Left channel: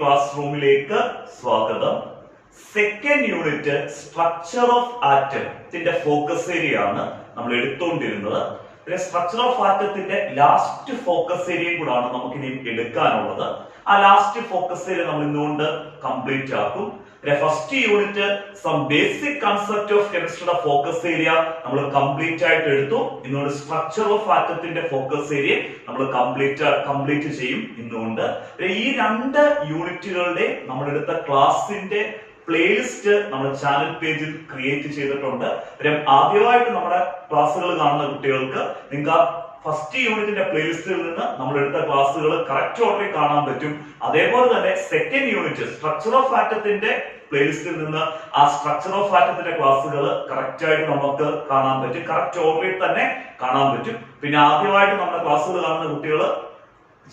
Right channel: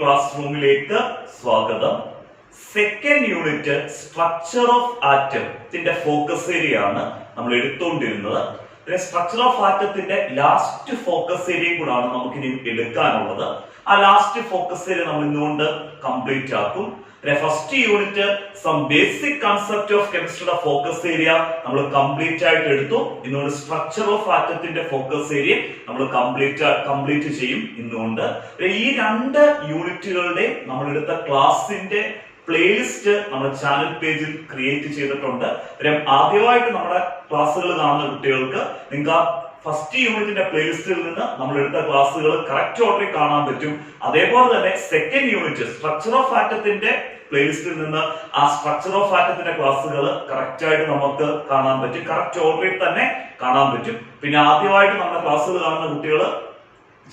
Class റൂമിലേക്ക് സ്വാഗതം. Second unit structure of ആറ്റത്തിന്റെ ഫോക്കസ് ഏരിയ ആണ് നമ്മൾ എടുത്തുകൊണ്ടിരുന്നത്. സ്ട്രക്ചർ ഓഫ് ആറ്റത്തിന്റെ ലാസ്റ്റ് ഫോക്കസ് ഏരിയ കൂടാണ് നമുക്ക് ഇനി എടുക്കാനുള്ളത്. ആ ലാസ്റ്റ് ഫോക്കസ് ഏരിയ നമ്മൾ ഇന്നുകൊണ്ട് കംപ്ലീറ്റ് ആക്കും. First unit some basic concept of കെമിസ്ട്രിയുടെ ഫോക്കസ് ഏരിയ നമ്മൾ കംപ്ലീറ്റ് ആയിട്ട് എടുത്തു. ഇന്നുകൊണ്ട് സ്ട്രക്ചർ ഓഫ് ആറ്റത്തിന്റെ ഫോക്കസ് ഏരിയ നമ്മൾ കംപ്ലീറ്റ് ചെയ്യും ഇന്നുകൊണ്ട്. ഈ രണ്ട് യൂണിറ്റുകളുടെ നമ്മൾ എടുത്ത ക്ലാസിന്റെ പ്ലേലിസ്റ്റ് നമ്മുടെ ചാനൽ പേജിൽ ക്രിയേറ്റ് ചെയ്തിട്ടുണ്ട്. ആദ്യമായിട്ട് നമ്മുടെ ക്ലാസ്സുകൾ കാണുന്ന കുട്ടികൾക്ക് നിങ്ങൾക്ക് ഫസ്റ്റ് യൂണിറ്റിന്റെ പ്ലേലിസ്റ്റിൽ നിന്ന് നമ്മൾ എടുത്ത ക്ലാസ്സുകൾ കറക്റ്റ് ഓർഡറിൽ കാണാൻ പറ്റും. അതേപോലെ തന്നെ സെക്കൻഡ് യൂണിറ്റ് സ്ട്രക്ചർ ഓഫ് ആറ്റത്തിന്റെ പ്ലേലിസ്റ്റിൽ നിന്ന് ആ സ്ട്രക്ചർ ഓഫ് ആറ്റത്തിന്റെ ക്ലാസ്സുകൾ കറക്റ്റ് ആയിട്ട് നമുക്ക് കാണാൻ പറ്റും, കറക്റ്റ് ഓർഡറിൽ തന്നെ കാണാൻ പറ്റും. പിന്നെ ആദ്യമായിട്ട് നമ്മുടെ ക്ലാസ്സുകൾ കാണുന്ന കുട്ടികൾ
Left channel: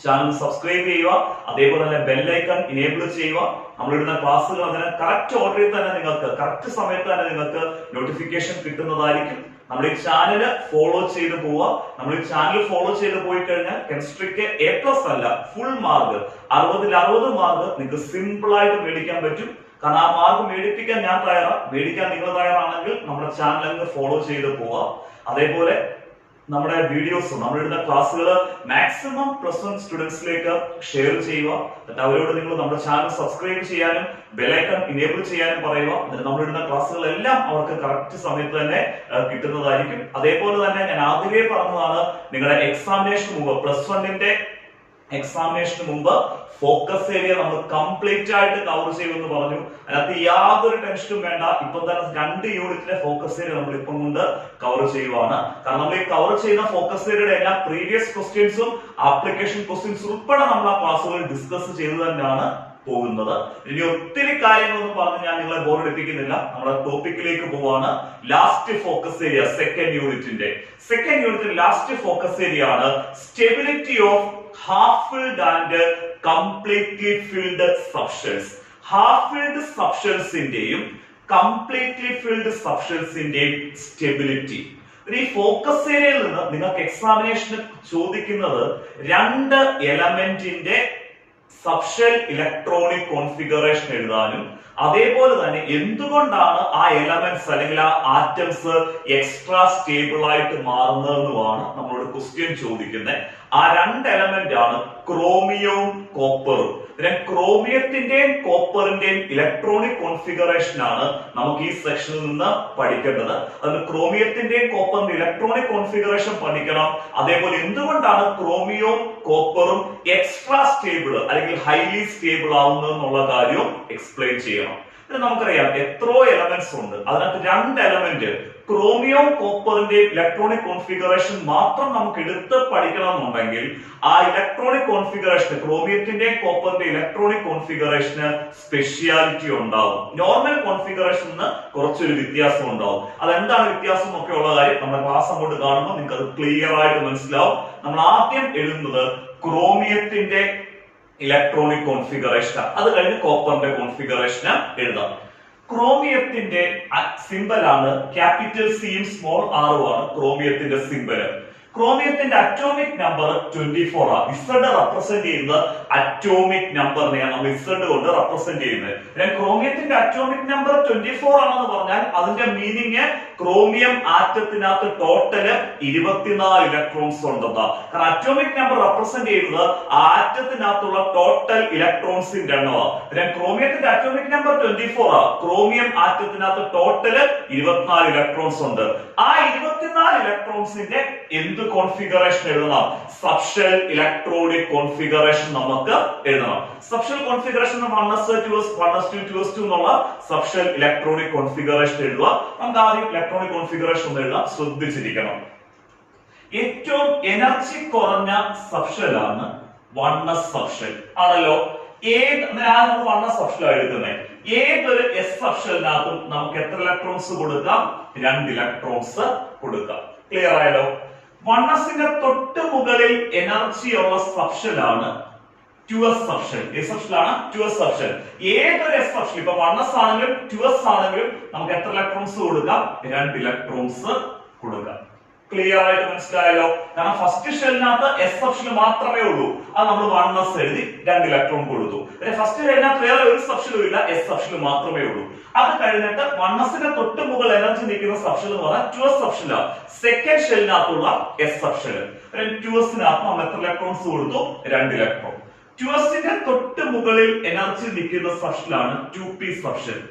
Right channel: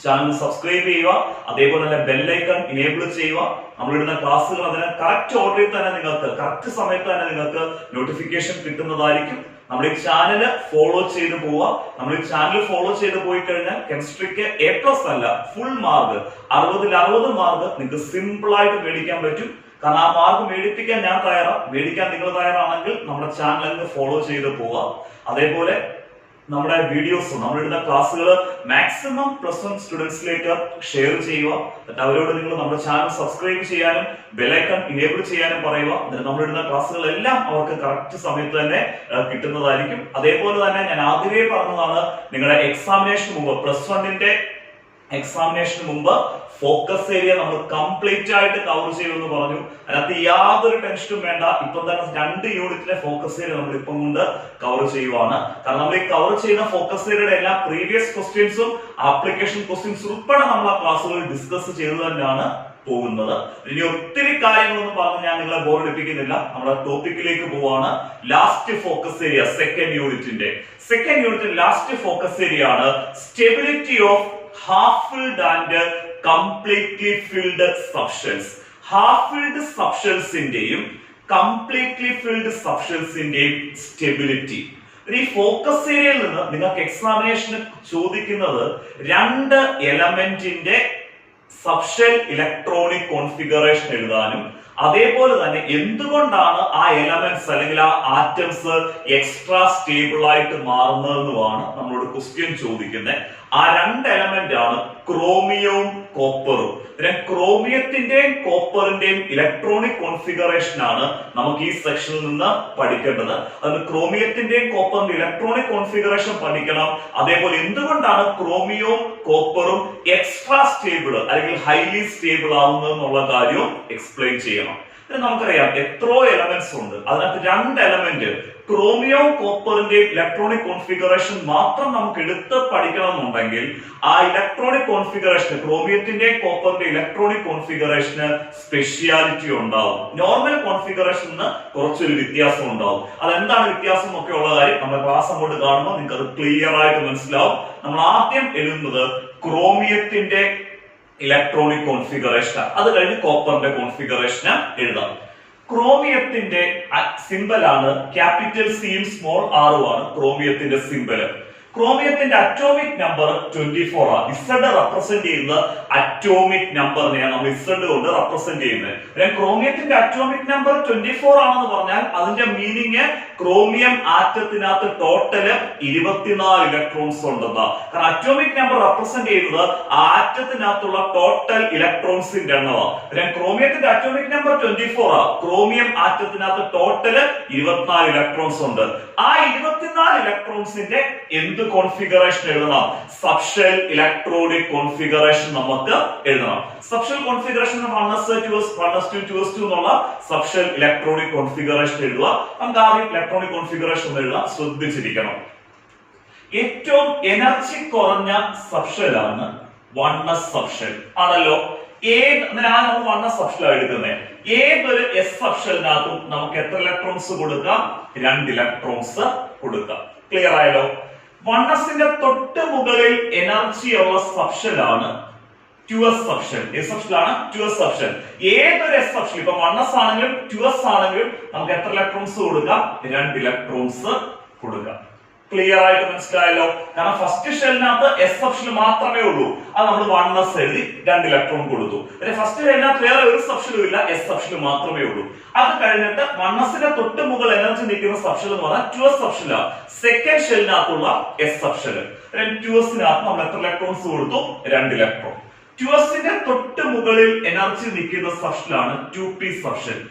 ചാനൽ സബ്സ്ക്രൈബ് ചെയ്യുക, അതേപോലെ തന്നെ ബെല്ലൈക്കൺ ഇനേബിൾ ചെയ്യുക. നമ്മളിടുന്ന ക്ലാസ്സുകൾ അതിന് കറക്റ്റ് ഓർഡറിൽ തന്നെ നിങ്ങൾക്ക് കറക്റ്റ് സമയത്ത് തന്നെ നിങ്ങൾക്ക് നോട്ടിഫിക്കേഷൻ കിട്ടുന്നതായിരിക്കും. നമ്മുടെ ഈ ചാനല് ഫോളോ ചെയ്ത് പോവുക. നമ്മൾ ഈ ചാനൽ ഫോളോ ചെയ്ത് പോയി കഴിഞ്ഞാൽ കെമിസ്ട്രിക്ക് A+ അല്ല, ഫുൾ മാർക്ക് 60 മാർക്ക് നിങ്ങൾക്ക് സിമ്പിൾ ആയിട്ട് മേടിക്കാൻ പറ്റും. കാരണം ആ മാർക്ക് മേടിപ്പിക്കാൻ ഞാൻ തയ്യാറാണ്, മേടിക്കാൻ നിങ്ങൾ തയ്യാറാണെങ്കിൽ നമ്മുടെ ചാനൽ ഫോളോ ചെയ്ത് പോവുക. അതേപോലെ നമ്മുടെ വീഡിയോസ് നമ്മളിടുന്ന ക്ലാസ്സുകൾ മാക്സിമം +1 സ്റ്റുഡൻസിലേക്ക് ഷെയർ ചെയ്യുക. എന്നിട്ട് അവരോട് നിങ്ങൾ നമ്മുടെ ചാനൽ സബ്സ്ക്രൈബ് ചെയ്യാനും ബെല്ലൈക്കൺ ഇനേബിൾ ചെയ്യാനും പറയുക. എന്നിട്ട് നമ്മളിടുന്ന ക്ലാസ്സുകളെല്ലാം അവർക്ക് കറക്റ്റ് സമയത്ത് തന്നെ കിട്ടുന്നതായിരിക്കും. അതേപോലെ തന്നെ ഞാൻ ആദ്യമേ പറഞ്ഞതാണ്, നിങ്ങളുടെ എക്സാമിനേഷന് മുമ്പ് +1ന്റെ എക്സാമിനേഷന് മുമ്പ് ഫോക്കസ് ഏരിയ നമ്മൾ കംപ്ലീറ്റ് ആയിട്ട് കവർ ചെയ്യുമെന്ന് പറഞ്ഞു. അതിനകത്ത് യാതൊരു ടെൻഷനും വേണ്ട. ഇപ്പം തന്നെ 2 യൂണിറ്റിന്റെ ഫോക്കസ് ഏരിയ നമ്മൾ ഇപ്പം കൊണ്ട് കവർ ചെയ്യുവാണ്. കാരണം നമ്മൾ ഈ കവർ ചെയ്യുന്ന ഫോക്കസ് ഏരിയയുടെ എല്ലാ പ്രീവിയസ് ക്വസ്റ്റ്യൻസും ആപ്ലിക്കേഷൻ ക്വസ്റ്റ്യൻസ് ഉൾപ്പെടെ നമ്മൾ ആ ക്ലാസ്സുകളിൽ ഡിസ്കസ് ചെയ്തു തന്നെയാണ് പോകുന്നത്. ഇനി ഒത്തിരി കാര്യങ്ങളൊന്നും പറഞ്ഞ് ഞാൻ നിങ്ങളെ ബോറടിപ്പിക്കുന്നില്ല. നമ്മുടെ ടോപ്പിക്കിലേക്ക് പോവാണ്. ലാസ്റ്റ് ഫോക്കസ് ഏരിയ സെക്കൻഡ് യൂണിറ്റിന്റെ ലാസ്റ്റ് ഫോക്കസ് ഏരിയ ആണ് stability of half filled and completely filled substance. half filled substanceന്റെയും completely filled substanceന്റെയും സ്റ്റെബിലിറ്റി. ഈ ഫോക്കസ് ഏരിയയിൽ നിന്ന് നിങ്ങൾക്ക് എക്സാമിനേഷന് ചോദിക്കുന്നത് 2 എലമെന്റിന്റെ സബ്ഷെൽ ഇലക്ട്രോണിക് കോൺഫിഗറേഷൻ എഴുതാനും അതേപോലെ തന്നെ എന്തുകൊണ്ടാണ് ആ എലമെന്റ്സ് അല്ലെങ്കിൽ ആ ആറ്റംസ് എക്സ്ട്രാ സ്റ്റേബിൾ ആയിട്ട് മാറുന്നതെന്നുമാണ് നമ്മളോട് ക്വസ്റ്റ്യൻ ചോദിക്കുന്നത്. ആ 2 എലമെന്റ് ആണ് ക്രോമിയവും കോപ്പറും. ക്രോമിയത്തിന്റെയും കോപ്പറിന്റെയും ഇലക്ട്രോണിക് കോൺഫിഗറേഷൻ ആണ് നമുക്ക് ഈ സെക്ഷനിൽ നിന്ന് പഠിക്കേണ്ടത്. അത് ക്രോമിയത്തിന്റെയും കോപ്പറിന്റെ ഇലക്ട്രോണിക് കോൺഫിഗറേഷൻ പഠിക്കണം. അതേപോലെ എന്തുകൊണ്ടാണ് ക്രോമിയവും കോപ്പറും എക്സ്ട്രാ സ്റ്റേബിൾ അല്ലെങ്കിൽ ഹൈലി സ്റ്റേബിൾ ആവുന്നത് എന്നുള്ള കാര്യവും എക്സ്പ്ലെയിൻ ചെയ്യണം. നമുക്കറിയാം എത്രയോ എലമെന്റ്സ് ഉണ്ട്. അതിനകത്ത് 2 എലമെന്റ് ക്രോമിയവും കോപ്പറിന്റെയും ഇലക്ട്രോണിക് കോൺഫിഗറേഷൻ മാത്രം നമുക്ക് എടുത്ത് പഠിക്കണമെന്നുണ്ടെങ്കിൽ ആ ഇലക്ട്രോണിക് കോൺഫിഗറേഷൻ ക്രോമിയത്തിന്റെയും കോപ്പറിന്റെ ഇലക്ട്രോണിക് കോൺഫിഗറേഷന് സ്പെഷ്യാലിറ്റി ഉണ്ടാവും. നോർമൽ കോൺഫിഗറേഷന് കുറച്ചൊരു വ്യത്യാസം ഉണ്ടാവും. അതെന്താണ് വ്യത്യാസം ഒക്കെ ഉള്ള കാര്യം നമ്മുടെ ക്ലാസ് അങ്ങോട്ട് കാണുമ്പോൾ നിങ്ങൾക്ക് അത് ക്ലിയർ ആയിട്ട് മനസ്സിലാവും. നമ്മൾ ആദ്യം എഴുതുന്നത് ക്രോമിയത്തിന്റെ ഇലക്ട്രോണിക് കോൺഫിഗറേഷൻ, അത് കഴിഞ്ഞ് കോപ്പറിന്റെ കോൺഫിഗറേഷൻ എഴുതാം. ക്രോമിയത്തിന്റെ സിമ്പൽ ആണ് ക്യാപിറ്റൽ സിയും സ്മോൾ ആറും ആണ് ക്രോമിയത്തിന്റെ സിമ്പല്. ക്രോമിയത്തിന്റെ അറ്റോമിക് നമ്പർ 24 ആണ്. Z റെപ്രസെന്റ് ചെയ്യുന്ന അറ്റോമിക് നമ്പറിനെയാണ് നമ്മൾ Z കൊണ്ട് റെപ്രസെന്റ് ചെയ്യുന്നത്. ക്രോമിയത്തിന്റെ അറ്റോമിക് നമ്പർ 24 ആണെന്ന് പറഞ്ഞാൽ അതിന്റെ മീനിങ് ക്രോമിയം ആറ്റത്തിനകത്ത് ടോട്ടല് 24 ഇലക്ട്രോൺസ് ഉണ്ടെന്നാ. കാരണം അറ്റോമിക് നമ്പർ റെപ്രസെന്റ് ചെയ്യുന്നത് ആറ്റത്തിനകത്തുള്ള ടോട്ടൽ ഇലക്ട്രോൺസിന്റെ എണ്ണമാണ്. ക്രോമിയത്തിന്റെ അറ്റോമിക് നമ്പർ 24 ആണ്. ക്രോമിയം ആറ്റത്തിനകത്ത് ടോട്ടല് 24 ഇലക്ട്രോൺസ് ഉണ്ട്. ആ 24 ഇലക്ട്രോൺസിന്റെ എന്ത് കോൺഫിഗറേഷൻ എഴുതണം? സബ്ഷെൽ ഇലക്ട്രോണിക് കോൺഫിഗറേഷൻ നമുക്ക് എഴുതണം. Subshell configuration 1s 2s 1s2 2s2 എന്നുള്ള സബ്ഷെൽ ഇലക്ട്രോണിക് കോൺഫിഗറേഷൻ എഴുതുക. നമുക്ക് ആദ്യം ഇലക്ട്രോണിക് കോൺഫിഗറേഷൻ ഒന്ന് എഴുതാം. ശ്രദ്ധിച്ചിരിക്കണം. ഏറ്റവും എനർജി കുറഞ്ഞ സബ്ഷെൽ ആണ് 1s സബ്ഷെൽ ആണല്ലോ. നമ്മൾ 1s സബ്ഷെൽ എടുക്കുന്നത്. ഏതൊരു S സബ്ഷെലിനകത്തും നമുക്ക് എത്ര ഇലക്ട്രോൺസ് കൊടുക്കാം? 2 ഇലക്ട്രോൺസ് കൊടുക്കാം. ക്ലിയർ ആയല്ലോ. 1sന്റെ തൊട്ട് മുകളിൽ എനർജി ഉള്ള സബ്ഷെൽ ആണ് 2s സബ്ഷെൽ. ഏത് സബ്ഷെലാണ്? 2s subshell. ഏതൊരു S സബ്ഷെൽ ഇപ്പൊ 1s ആണെങ്കിലും 2s ആണെങ്കിലും നമുക്ക് എത്ര ഇലക്ട്രോൺസ് കൊടുക്കാം? 2 ഇലക്ട്രോൺസ് കൊടുക്കാം. ക്ലിയർ ആയിട്ട് മനസ്സിലായല്ലോ. കാരണം ഫസ്റ്റ് ഷെല്ലിനകത്ത് എസ് സബ്ഷെൽ മാത്രമേ ഉള്ളൂ. അത് നമ്മൾ 1s എഴുതി 2 ഇലക്ട്രോൺ കൊടുത്തു. ഫസ്റ്റ് ഷെല്ലിനകത്ത് വേറെ ഒരു സബ്ഷെലും ഇല്ല, എസ് സബ്ഷെൽ മാത്രമേ ഉള്ളൂ. അത് കഴിഞ്ഞിട്ട് 1sന്റെ തൊട്ട് മുകളിൽ എനർജി നിൽക്കുന്ന സബ്ഷെൽ എന്ന് പറഞ്ഞാൽ 2s സബ്ഷെലാണ്. സെക്കൻഡ് ഷെല്ലിനകത്തുള്ള എസ് സബ്ഷെൽ. 2sനകത്ത് നമ്മൾ എത്ര ഇലക്ട്രോൺസ് കൊടുത്തു? 2 ഇലക്ട്രോൺ. 2sന്റെ തൊട്ട് മുകളിൽ എനർജി നിൽക്കുന്ന സബ്ഷെലാണ് 2p സബ്ഷെൽ.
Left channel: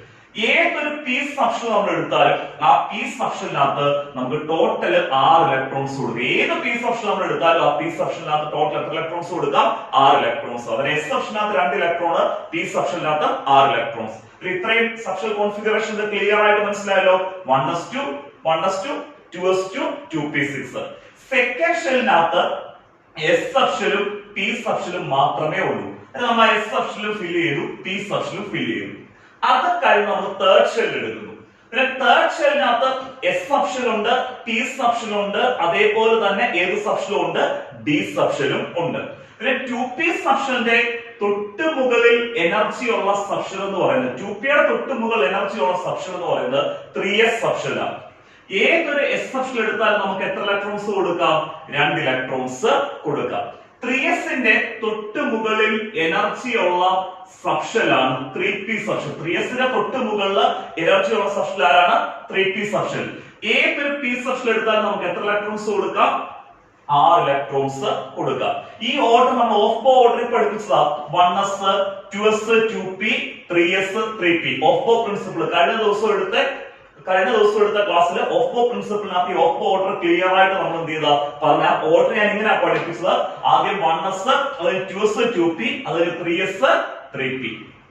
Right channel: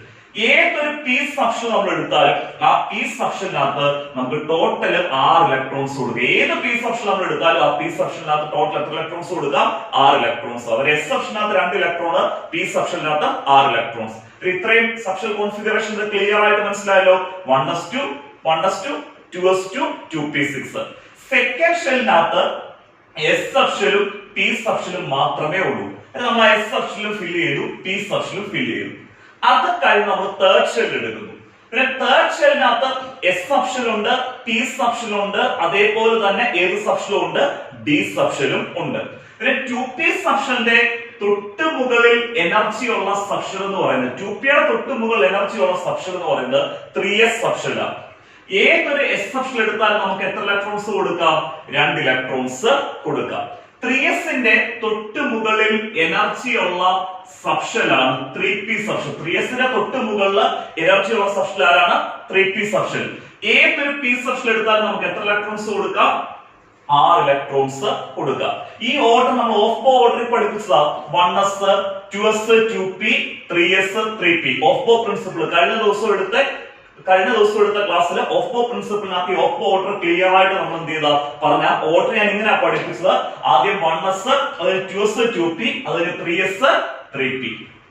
ഏതൊരു പി സബ്ഷെൽ നമ്മൾ എടുത്താലും ആ പി സബ്ഷെലിനകത്ത് നമുക്ക് ടോട്ടൽ 6 ഇലക്ട്രോൺസ് കൊടുക്കുക. ഏത് പി സബ്ഷെൽ നമ്മൾ എടുത്താലും ആ പി സബ്ഷെലിനകത്ത് ടോട്ടൽ എത്ര ഇലക്ട്രോൺസ് കൊടുക്കാം? 6 ഇലക്ട്രോൺസ്. അവർ എസ് സബ്ഷെലിനകത്ത് 2 ഇലക്ട്രോൺ, പി സബ്ഷെലിനകത്ത് 6 ഇലക്ട്രോൺസ്. ഇത്രയും സബ്ഷെൽ കോൺഫിഗറേഷൻ ക്ലിയർ ആയിട്ട് മനസ്സിലായല്ലോ. 1s2 1s2 2s2 2p6. Second ഷെല്ലിനകത്ത് എസ് സബ്ഷെലും പി സബ്ഷെലും മാത്രമേ ഉള്ളൂ. നമ്മൾ എസ് സബ്ഷെലും ഫിൽ ചെയ്തു, പി സബ്ഷെലും ഫിൽ ചെയ്തു. അത് കഴിഞ്ഞ് നമ്മൾ തേർഡ് ഷെൽ എടുക്കുന്നു. പിന്നെ തേർഡ് ഷെല്ലിനകത്ത് എസ് സബ്ഷെൽ ഉണ്ട്, പി സബ്ഷെൽ ഉണ്ട്, അതേപോലെ തന്നെ ഏത് സബ്ഷെലും ഉണ്ട്? ഡി സബ്ഷെലും ഉണ്ട്. പിന്നെ 2p സബ്ഷെലിന്റെ തൊട്ട് മുകളിൽ എനർജി ഉള്ള സബ്ഷെൽ എന്ന് പറയുന്നത് 2pയുടെ തൊട്ട് മുകളിൽ എനർജി ഉള്ള സബ്ഷെൽ എന്ന് പറയുന്നത് 3s സബ്ഷെലാണ്. ഏതൊരു എസ് സബ്ഷെൽ എടുത്താലും നമുക്ക് എത്ര ഇലക്ട്രോൺസ് കൊടുക്കാം? 2 ഇലക്ട്രോൺസ് കൊടുക്കാം. 3sന്റെ തൊട്ട് മുകളിൽ എനർജി ഉള്ള സബ്ഷെലാണ് 3p സബ്ഷെൽ. 3sന്റെ തൊട്ട് മുകളിൽ എനർജി ഉള്ള സബ്ഷെൽ ആരാണ്? 3p subshell. ഏതൊരു p സബ്ഷെൽ എടുത്താലും നമുക്ക് എത്ര ഇലക്ട്രോൺസ് കൊടുക്കാം? 6 ഇലക്ട്രോൺസ് കൊടുക്കാം. ഈ ഓർഡർ നമ്മൾ ഓഫ് ബോ ഓർഡറിൽ പഠിപ്പിച്ചതാ. 1s 2s 2p 3s 3p of ബോ പ്രിൻസിപ്പിൾ കഴിഞ്ഞ ദിവസം എടുത്ത ക്ലാസ്സിൽ ഓഫ് ബോ പ്രിൻസിപ്പിളിനകത്ത് ഈ ഓഫ് ബോ ഓർഡർ ക്ലിയർ ആയിട്ട് നമ്മൾ എന്ത് ചെയ്താ പറഞ്ഞ ഓർഡർ ഞാൻ ഇങ്ങനെ പഠിപ്പിച്ചത്. ആദ്യം 1s, അതിന് 2s 2p, അതിന് 3s 3p.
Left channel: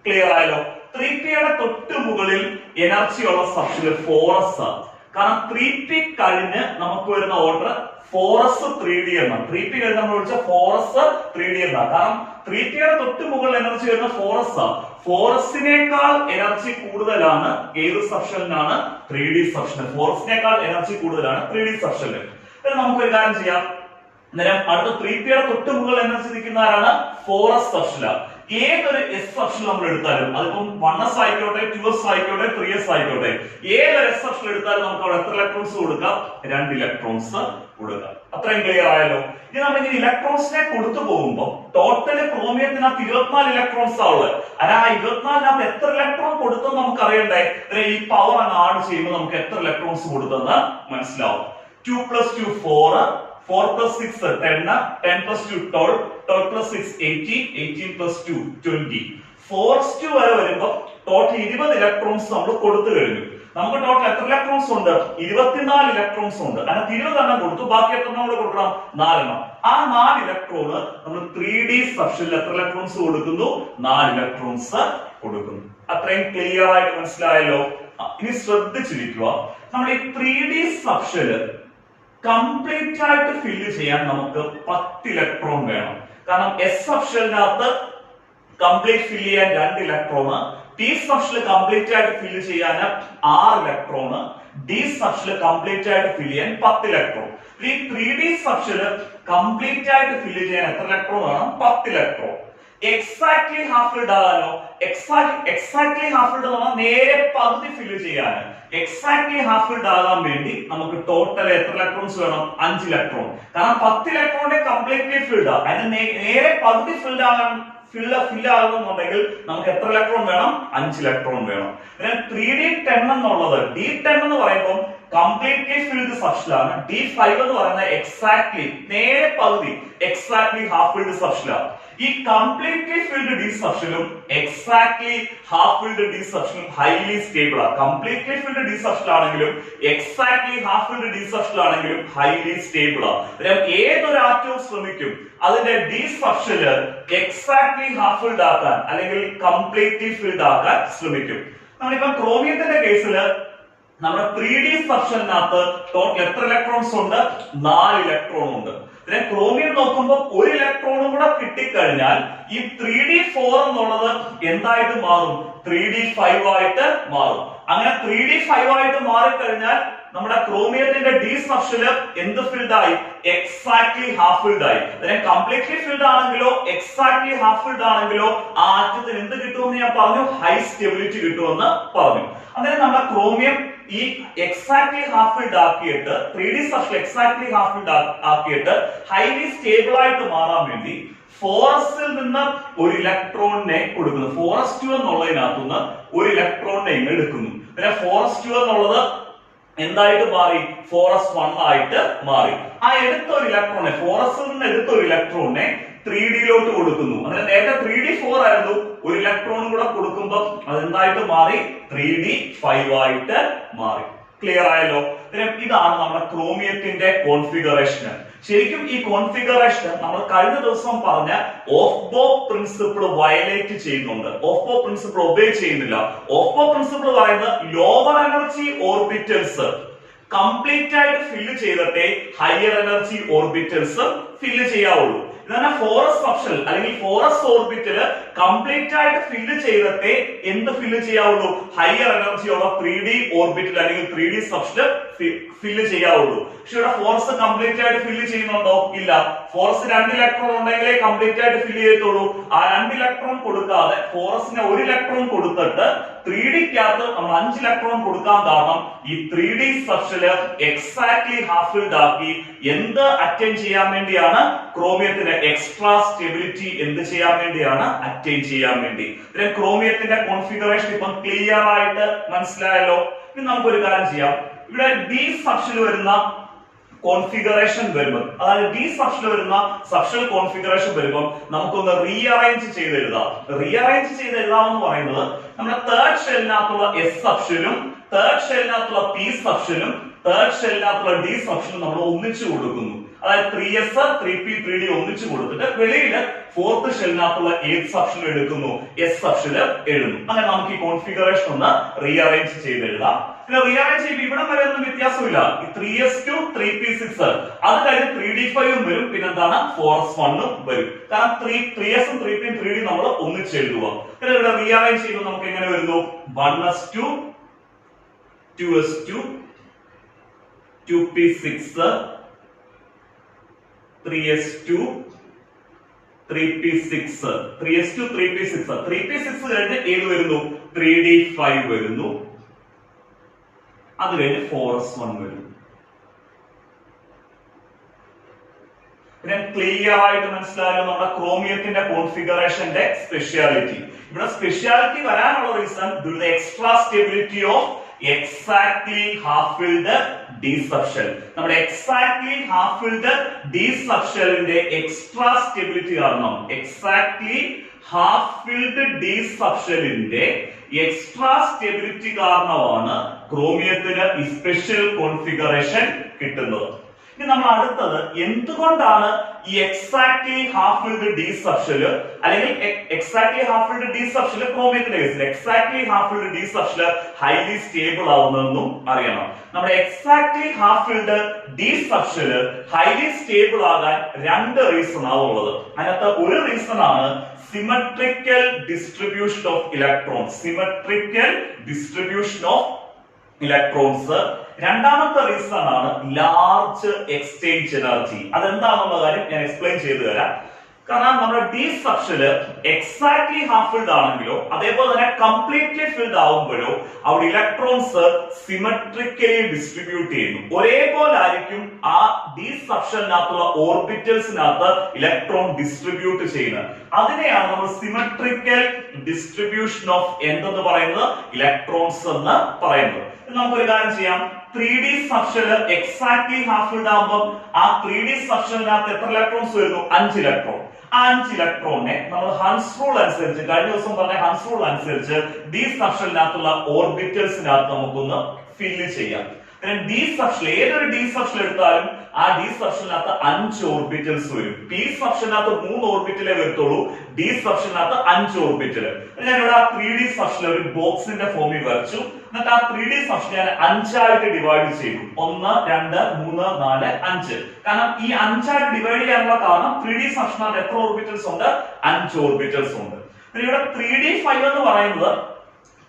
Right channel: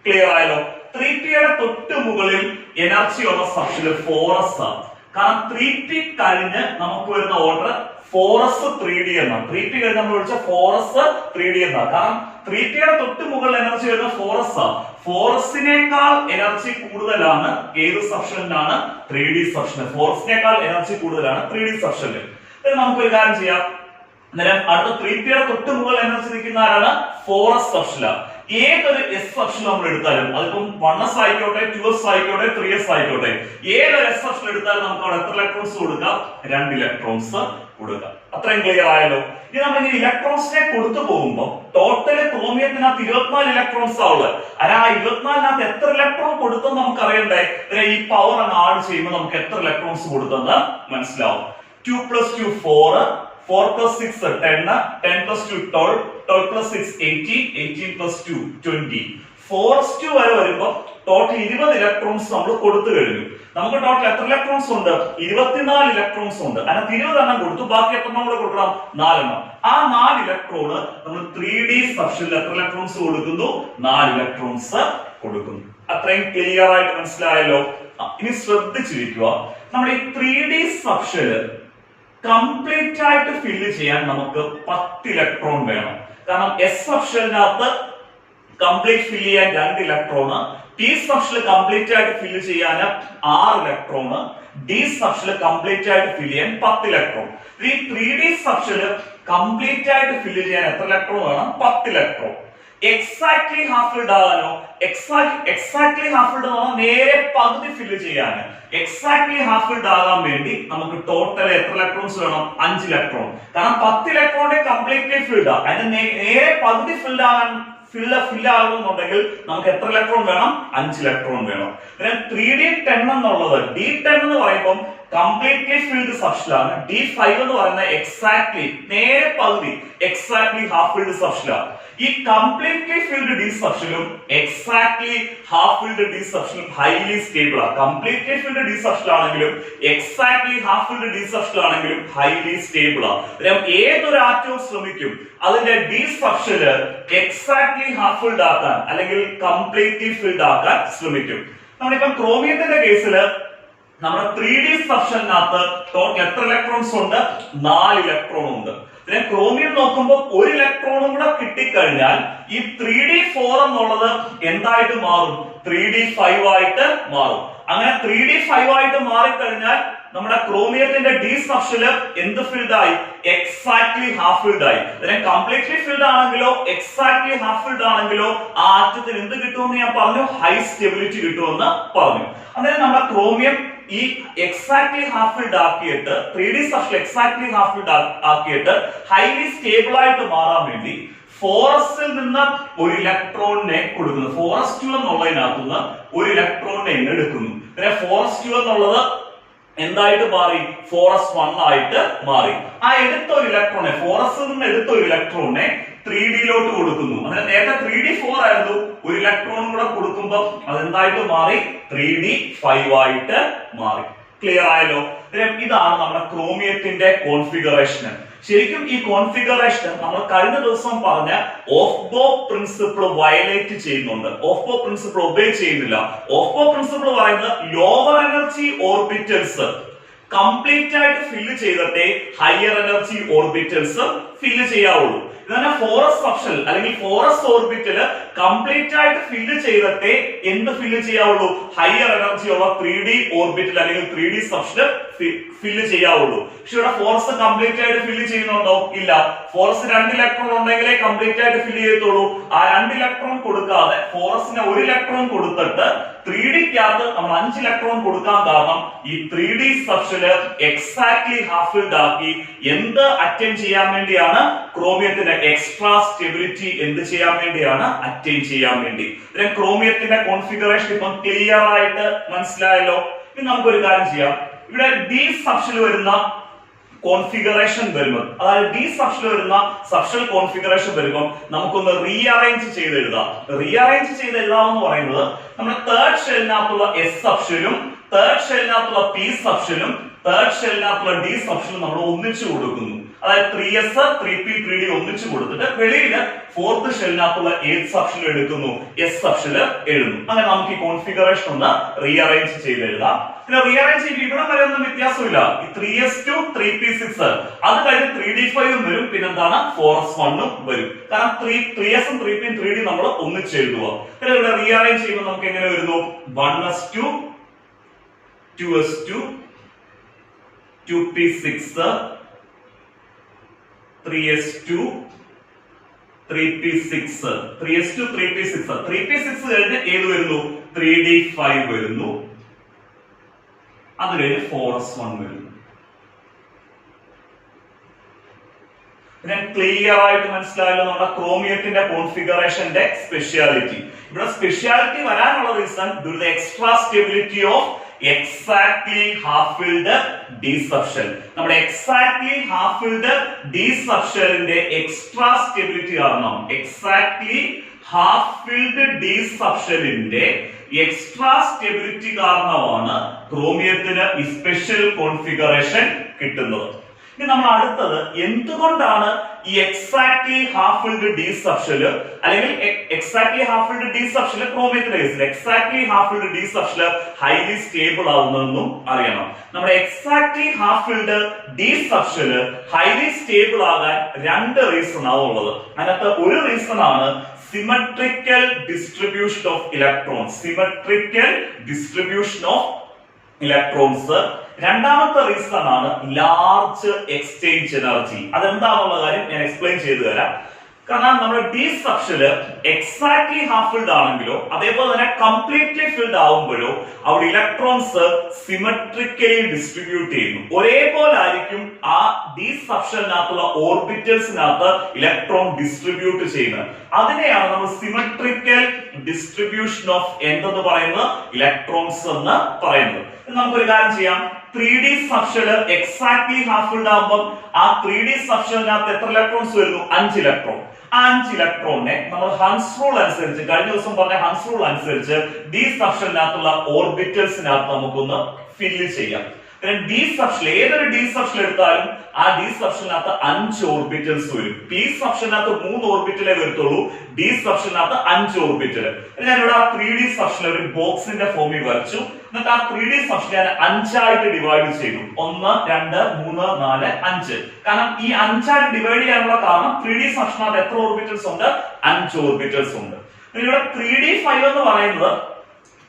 ക്ലിയർ ആയല്ലോ. 3pയുടെ തൊട്ട് മുകളിൽ എനർജി ഉള്ള സബ്ഷെൽ 4s ആണ്. കാരണം 3p കഴിഞ്ഞ് നമുക്ക് വരുന്ന ഓർഡർ 4s 3d എന്നാണ്. 3p കഴിഞ്ഞ് നമ്മൾ വിളിച്ച 4s 3d എന്നാണ്. കാരണം 3pയുടെ തൊട്ട് മുകളിൽ എനർജി വരുന്ന 4s ആണ്. 4sനേക്കാൾ എനർജി കൂടുതലാണ് ഏത് സബ്ഷെലിനാണ്? 3d subshell. 4sനേക്കാൾ എനർജി കൂടുതലാണ് 3d സബ്ഷെൽ. നമുക്ക് ഒരു കാര്യം ചെയ്യാം. അന്നേരം അടുത്ത 3pയുടെ തൊട്ട് മുകളിൽ എനർജി നിൽക്കുന്ന ആരാണ്? 4s സബ്ഷെലാണ്. ഏതൊരു എസ് സബ്ഷെൽ നമ്മൾ എടുത്താലും അതിപ്പം 1s ആയിക്കോട്ടെ, 2s ആയിക്കോട്ടെ, 3s ആയിക്കോട്ടെ, ഏതൊരു എസ് സബ്ഷെൽ എടുത്താലും നമുക്ക് അവിടെ എത്ര ഇലക്ട്രോൺസ് കൊടുക്കാം? 2 ഇലക്ട്രോൺസ് കൊടുക്കാം. അത്രയും ക്ലിയർ ആയല്ലോ. ഇനി നമ്മൾ ഇലക്ട്രോൺസിനെ കൊടുത്തു പോകുമ്പോൾ ടോട്ടല് ക്രോമിയത്തിനകത്ത് 24 ഇലക്ട്രോൺസ് ആവുള്ളത്. ആ 24നകത്ത് എത്ര ഇലക്ട്രോൺ കൊടുത്തെന്ന് നമുക്ക് അറിയണ്ടേ? ഈ പവർ അങ്ങ് ആഡ് ചെയ്യുമ്പോൾ നമുക്ക് എത്ര ഇലക്ട്രോൺസ് കൊടുത്തെന്ന് മനസ്സിലാവും. 2 + 2 4, 4 + 6 10, 10 + 2 12, 12 + 6 18, 18 + 2 20. 4s2 വരെ വരുമ്പോൾ ടോട്ടൽ 20 ഇലക്ട്രോൺസ് നമ്മൾ കൊടുത്തു കഴിഞ്ഞു. നമുക്ക് ടോട്ടൽ എത്ര ഇലക്ട്രോൺസ് ഉണ്ട്? 24 ഇലക്ട്രോൺസ് ഉണ്ട്. അതിനകത്ത് 20 എണ്ണം കൊടുത്തു, ബാക്കി എത്ര നമ്മൾ കൊടുക്കണം? 4 എണ്ണം. ആ 4 ഇലക്ട്രോണ് നമ്മൾ 3d സബ്ഷെലിൽ എത്ര ഇലക്ട്രോൺസ് കൊടുക്കുന്നു? 4 ഇലക്ട്രോൺസ് കൊടുക്കുന്നു. അത്രയും ക്ലിയർ ആയിട്ട് മനസ്സിലായല്ലോ. ഇനി ശ്രദ്ധിച്ചിരിക്കുക, നമ്മുടെ ഈ 3d സബ്ഷെല് കംപ്ലീറ്റ് ആയിട്ട് ഫില്ല് ചെയ്യാൻ നമുക്ക് 10 ഇലക്ട്രോൺ വേണം. കാരണം എസ് സബ്ഷെലിനകത്ത് കംപ്ലീറ്റ് ഫില്ല് ചെയ്യാൻ 2 ഇലക്ട്രോണ്, പി സബ്ഷെൽ കംപ്ലീറ്റ് ആയിട്ട് ഫില്ല് ചെയ്യാൻ 6 ഇലക്ട്രോണ്, ഡി സബ്ഷെൽ കംപ്ലീറ്റ് ആയിട്ട് ഫില്ല് ചെയ്യാൻ 10 ഇലക്ട്രോൺ. ഈ 3d സബ്ഷെൽ കംപ്ലീറ്റ് ആയിട്ട് ഫില്ല് ചെയ്യാൻ എത്ര ഇലക്ട്രോൺ വേണം? 10 ഇലക്ട്രോൺ. എക്സാക്ട്ലി ഹാഫ് ഫിൽഡ് ആകാനോ? എക്സാക്ട്ലി ഹാഫ് ഫിൽഡ് എന്ന് പറഞ്ഞാൽ നേരെ പകുതി ഫില്ല് ചെയ്യാൻ. എക്സാക്ട്ലി ഹാഫ് ഫിൽഡ് ആകാൻ വേണ്ടി നമുക്ക് ടോട്ടൽ എത്ര ഇലക്ട്രോൺസ് വേണം? 5 ഇലക്ട്രോൺ. കാരണം 10 ഇലക്ട്രോണിന്റെ കംപ്ലീറ്റ്ലി ഫിൽഡ് ആണ്. അതിന് നേരെ പകുതി ഫിൽഡ് ആകാൻ ഫില്ല് ആകുന്നുണ്ടെങ്കിൽ നമുക്ക് എത്ര ഇലക്ട്രോൺ വേണം? 5 ഇലക്ട്രോൺ വേണം. പിന്നെ 3d10 എന്നുള്ളത് d10 എന്ന് പറയുമ്പോൾ കംപ്ലീറ്റ്ലി ഫിൽഡ് സബ്ഷെലാണ്. d5 എന്ന് പറയുന്നത് എക്സാക്ട്ലി നേരെ പകുതി എക്സാക്ട്ലി ഹാഫ് ഫിൽഡ് സബ്ഷെലാണ്. ഈ കംപ്ലീറ്റ്ലി ഫിൽഡ് ഡി സബ്ഷെലും എക്സാക്ട്ലി ഹാഫ് ഫിൽഡ് ഡി സബ്ഷെലും ഹൈലി സ്റ്റേബിൾ ആണ്. കംപ്ലീറ്റ്ലി ഫിൽഡ് ഡി സബ്ഷെൽ ആണെങ്കിലും exactly half filled D subshell ആണെങ്കിലും ഹൈലി സ്റ്റേബിൾ ആണ്. ഏതൊരു ആറ്റവും ശ്രമിക്കും അതിന്റെ D subshell exactly half filled ആക്കാൻ അല്ലെങ്കിൽ കംപ്ലീറ്റ്ലി ഫിൽഡ് ആക്കാൻ ശ്രമിക്കും. നമ്മളിപ്പം ക്രോമിയത്തിന്റെ കേസിൽ നമ്മുടെ 3d സബ്ഷെലിനകത്ത് ടോട്ടൽ എത്ര ഇലക്ട്രോൺസ് ഉണ്ട്? 4 ഇലക്ട്രോൺ ഉണ്ട്. പിന്നെ ക്രോമിയം നോക്കുമ്പോൾ 1 ഇലക്ട്രോണും കൂടെ കിട്ടിക്കഴിഞ്ഞാൽ ഈ 3d4 എന്നുള്ളത് എന്തായിട്ട് മാറും? 3d5 ആയിട്ട് മാറും. അങ്ങനെ 3d5 ആയിട്ട് മാറിക്കഴിഞ്ഞാൽ നമ്മുടെ ക്രോമിയത്തിന്റെ ഡി സബ്ഷെല് എന്ത് ഫിൽഡ് ആയി? എക്സാക്ട്ലി ഹാഫ് ഫിൽഡ് ആയി. അതിനെ കംപ്ലീറ്റ്ലി ഫിൽഡ് ആണെങ്കിലോ എക്സാക്ട്ലി ഹാഫ് ഫിൽഡ് ആണെങ്കിലോ ആ ആറ്റത്തിന് എന്ത് കിട്ടുമെന്ന് ഞാൻ പറഞ്ഞു? ഹൈ സ്റ്റെബിലിറ്റി കിട്ടുമെന്ന് പറഞ്ഞു. അന്നേരം നമ്മുടെ ക്രോമിയം ഈ എക്സാക്ട്ലി ഹാഫ് ഫിൽഡ് ആക്കിയിട്ട് 3D subshell exactly half filled ആക്കിയിട്ട് ഹൈലി സ്റ്റേബിൾ ആയിട്ട് മാറാൻ വേണ്ടി ഫോറസ്റ്റിൽ നിന്ന് ഒരു ഇലക്ട്രോണിനെ കൊടുക്കുന്നു. ഫോറസ്റ്റ് 2 എന്നുള്ളതിനകത്തുനിന്ന് ഒരു ഇലക്ട്രോണിനെ എടുക്കുന്നു. പിന്നെ ഫോറസ്റ്റ് 2 എന്നുള്ളത് എന്തായിട്ട് മാറി? ഫോറസ്റ്റ് 1 ആയിട്ട് മാറി. ആ എടുത്ത ഒരു ഇലക്ട്രോണെ, ഫോറസ്റ്റിൽ നിന്ന് എടുത്ത ഒരു ഇലക്ട്രോണിനെ 3Dയിലോട്ട് കൊടുക്കുന്നു. അതായത് നേരത്തെ 3D4 ആയിരുന്നു, ഒരു ഇലക്ട്രോൺ കൂടെ കൊടുക്കുമ്പോൾ അതെന്തായിട്ട് മാറി? 3D5 ആയിട്ട് മാറി. ക്ലിയർ ആയല്ലോ? ഇതാണ് നമ്മുടെ ക്രോമിയത്തിന്റെ കോൺഫിഗറേഷൻ. ശരിക്കും ഈ കോൺഫിഗറേഷൻ നമ്മൾ കഴിഞ്ഞ ദിവസം പറഞ്ഞ ഓഫ് ബോ പ്രിൻസിപ്പിൾ വയലേറ്റ് ചെയ്യുന്നുണ്ട്. ഓഫ് ബോ പ്രിൻസിപ്പിൾ ഒബേ ചെയ്യുന്നില്ല. ഓഫ് ബോ പ്രിൻസിപ്പിൾ പറയുന്നത് ലോവർ എനർജി ഓർബിറ്റൽസ് കംപ്ലീറ്റ് ആയിട്ട് ഫില്ല് ചെയ്തിട്ടേ ഹയർ എനർജി ഓർബിറ്റൽസ് ഫില്ല് ചെയ്യാവുള്ളൂ. ഇതാണ് ഫോറസ് സബ്ഷെൽ അല്ലെങ്കിൽ ഫോറസ് ഓർബിറ്റല് കംപ്ലീറ്റ് ആയിട്ട് ഫില്ല് ചെയ്തിട്ടേ എന്ത് ഫില്ല് ചെയ്യാവുള്ളൂ? ഹയർ എനർജി ഉള്ള 3D ഓർബിറ്റൽ അല്ലെങ്കിൽ 3D സബ്ഷെൽ ഫില്ല് ചെയ്യാവുള്ളൂ. പക്ഷെ ഇവിടെ ഫോറസ് കംപ്ലീറ്റ് ആയിട്ട് ഫില്ല് ചെയ്യുന്നുണ്ടോ? ഇല്ല. ഫോറസ് 2 ഇലക്ട്രോൺ ഉണ്ടെങ്കിലേ കംപ്ലീറ്റ് ആയിട്ട് ഫില്ല് ചെയ്യത്തുള്ളൂ. ആ 2 ഇലക്ട്രോൺ കൊടുക്കാതെ ഫോറസിന് 1 ഇലക്ട്രോൺ കൊടുത്തിട്ട് 3Dക്കകത്ത് നമ്മൾ 5 ഇലക്ട്രോൺ കൊടുക്കാൻ കാരണം ഈ 3D subshell exactly half filled ആക്കി എന്ത് അറ്റൈൻ ചെയ്യാൻ വേണ്ടിയാണ്? ക്രോമിയത്തിന്റെ എക്സ്ട്രാ സ്റ്റെബിലിറ്റി എന്ത് ചെയ്യാൻ വേണ്ടിയാണ്? അറ്റൈൻ ചെയ്യാൻ വേണ്ടി. ക്രോമിയത്തിന്റെ കോൺഫിഗറേഷൻ ഇപ്പം ക്ലിയർ ആയിട്ട് മനസ്സിലായല്ലോ. ഇനി നമുക്കൊരു കാര്യം ചെയ്യാം. ഇവിടെ ഡി സബ്ഷെൽ വരുന്ന കോൺഫിഗറേഷൻ വരുമ്പോൾ, അതായത് ഡി സബ്ഷെൽ വരുന്ന സബ്ഷെൽ കോൺഫിഗറേഷൻ വരുമ്പോൾ നമുക്കൊന്ന് റീഅറേഞ്ച് ചെയ്ത് എഴുതാം. റീഅറേഞ്ച് ചെയ്ത് എഴുതാമെന്ന് പറയുന്നത് നമ്മുടെ തേർഡ് ഷെല്ലിനകത്തുള്ള എസ് സബ്ഷെലും തേർഡ് ഷെല്ലിനകത്തുള്ള പി സബ്ഷെലും തേർഡ് ഷെല്ലിനകത്തുള്ള ഡി സബ്ഷെലും നമ്മൾ ഒന്നിച്ചു കൊടുക്കുന്നു. അതായത് 3s 3p 3d ഒന്നിച്ചു കൊടുത്തിട്ട് വെളിയിൽ ഫോർത്ത് ഷെല്ലിനകത്തുള്ള ഏത് സബ്ഷെൽ എടുക്കുന്നു? എസ് സബ്ഷെൽ എഴുതുന്നു. അങ്ങനെ നമുക്ക് ഈ കോൺഫിഗറേഷൻ ഒന്ന് റീഅറേഞ്ച് ചെയ്ത് എഴുതാം. പിന്നെ റീഅറേഞ്ച് ചെയ്യുമ്പോൾ ഇവിടെ വരെ ഒന്നും വ്യത്യാസമില്ല. ഈ 3s2 3p6 അത് കഴിഞ്ഞ് 3d5 വരും. പിന്നെ എന്താണ്? 4s1 വരും. കാരണം 3s 3p 3d നമ്മൾ ഒന്നിച്ച് എഴുതുക. പിന്നെ ഇവിടെ റീഅറേഞ്ച് ചെയ്യുമ്പോൾ നമുക്ക് എങ്ങനെ വരുന്നു? 1s2 2s2 2p6 3s2 3p6 3s2 3p6 3p6 കഴിഞ്ഞ് ഏത് വരുന്നു? 3d5 വരുന്നു. അത് കഴിഞ്ഞ് 4s1 വരുന്നു. പിന്നെ ക്ലിയർ ആയിട്ട് മനസ്സിലായല്ലോ നമ്മുടെ ക്രോമിയത്തിന്റെ കോൺഫിഗറേഷന്റെ സ്പെഷ്യാലിറ്റി. ഇവിടെ സ്പെഷ്യാലിറ്റി വരാനുള്ള reason due to the extra stability of exactly half filled D subshell. നമ്മുടെ എക്സാക്ട്ലി ഹാഫ് ഫിൽഡ് ഡി സബ്ഷെലിന്റെ എക്സ്ട്രാ സ്റ്റെബിലിറ്റി കാരണം, എക്സാക്ട്ലി ഹാഫ് ഫിൽഡ് ഡി സബ്ഷെലിന്റെ എക്സ്ട്രാ സ്റ്റെബിലിറ്റി കാരണമാണ് ക്രോമിയത്തിന് ഈ സ്പെഷ്യൽ കോൺഫിഗറേഷൻ കിട്ടുന്നത്. ഇനി നമ്മൾ അടുത്തത് എന്തുകൊണ്ടാണ് ഈ exactly half filled D subshell അല്ലെങ്കിൽ exactly half filled D subshell ക്രോമിയത്തിന്റെ കേസിൽ exactly half filled D subshell highly stable ആവുന്നതെന്നും അറിയണം. നമ്മുടെ exactly half filled D subshell highly stable ആകാൻ 2 റീസൺ ആവുള്ളത്. അതിനകത്ത് ഒരു റീസൺ ആണ് symmetrical distribution of electrons. Symmetrical distribution of electrons. രണ്ടാമത്തെ റീസൺ ആണ് ലാർജ് എക്സ്ചേഞ്ച് എനർജി. അതെന്താണെന്നുള്ള കാര്യം ഞാൻ എക്സ്പ്ലെയിൻ ചെയ്തു തരാം. കാരണം നമ്മുടെ D subshell exactly half filled ആണെങ്കിലോ അതേപോലെ തന്നെ കംപ്ലീറ്റ്ലി ഫിൽഡ് ആവുമ്പോഴോ അവിടെ ഇലക്ട്രോൺസ് സിമെട്രിക്കലി ഡിസ്ട്രിബ്യൂട്ട് ചെയ്യുന്നു. ഒരേപോലെ ആയിരിക്കും ആ ഡി സബ്ഷെലിനകത്തുള്ള ഓർബിറ്റൽസിനകത്ത് ഇലക്ട്രോൺ ഡിസ്ട്രിബ്യൂട്ട് ചെയ്യുന്നത്. അതിനെയാണ് നമ്മൾ സിമെട്രിക്കൽ ഡിസ്ട്രിബ്യൂഷൻ ഓഫ് എന്തെന്ന് പറയുന്നത്? ഇലക്ട്രോൺസ് എന്ന് പറയുന്നത്. നമുക്കൊരു കാര്യം ചെയ്യാം. 3D subshell exactly half filled ആകുമ്പോൾ ആ 3D സബ്ഷെലിനകത്ത് എത്ര ഇലക്ട്രോൺസ് വരുന്നു? 5 ഇലക്ട്രോൺ. ആ 5 ഇലക്ട്രോണിനെ നമ്മൾ ഹൺസ് റൂൾ അനുസരിച്ച്, കഴിഞ്ഞ ദിവസം പറഞ്ഞ ഹൺസ് റൂൾ അനുസരിച്ച് ഡി സബ്ഷെലിനകത്തുള്ള ഓർബിറ്റൽസിനകത്ത് നമുക്കൊന്ന് ഫില്ല് ചെയ്യാം. പിന്നെ ഡി സബ്ഷെൽ, ഏതൊരു ഡി സബ്ഷെൽ എടുത്താലും ആ ഡി സബ്ഷെലിനകത്ത് 5 ഓർബിറ്റൽസ് വരും. പി സബ്ഷെലിനകത്ത് 3 ഓർബിറ്റലേ വരത്തുള്ളൂ. ഡി സബ്ഷെലിനകത്ത് 5 ഓർബിറ്റൽ. ഞാനിവിടെ ആ 3D സബ്ഷെൽ ഒരു ബോക്സിന്റെ ഫോമിൽ വരച്ചു. എന്നിട്ട് ആ 3D സബ്ഷെൽ ഞാൻ 5 ആയിട്ട് ഡിവൈഡ് ചെയ്തു. 1 2 3 4 5. കാരണം ഈ 5 ആയിട്ട് ഡിവൈഡ് ചെയ്യാനുള്ള കാരണം 3D സബ്ഷെലിനകത്ത് എത്ര ഓർബിറ്റൽസ് ഉണ്ട്? 5 ഓർബിറ്റൽസ് ഉണ്ട്. ഇവിടെ 3d5 എന്ന് പറയുന്നത്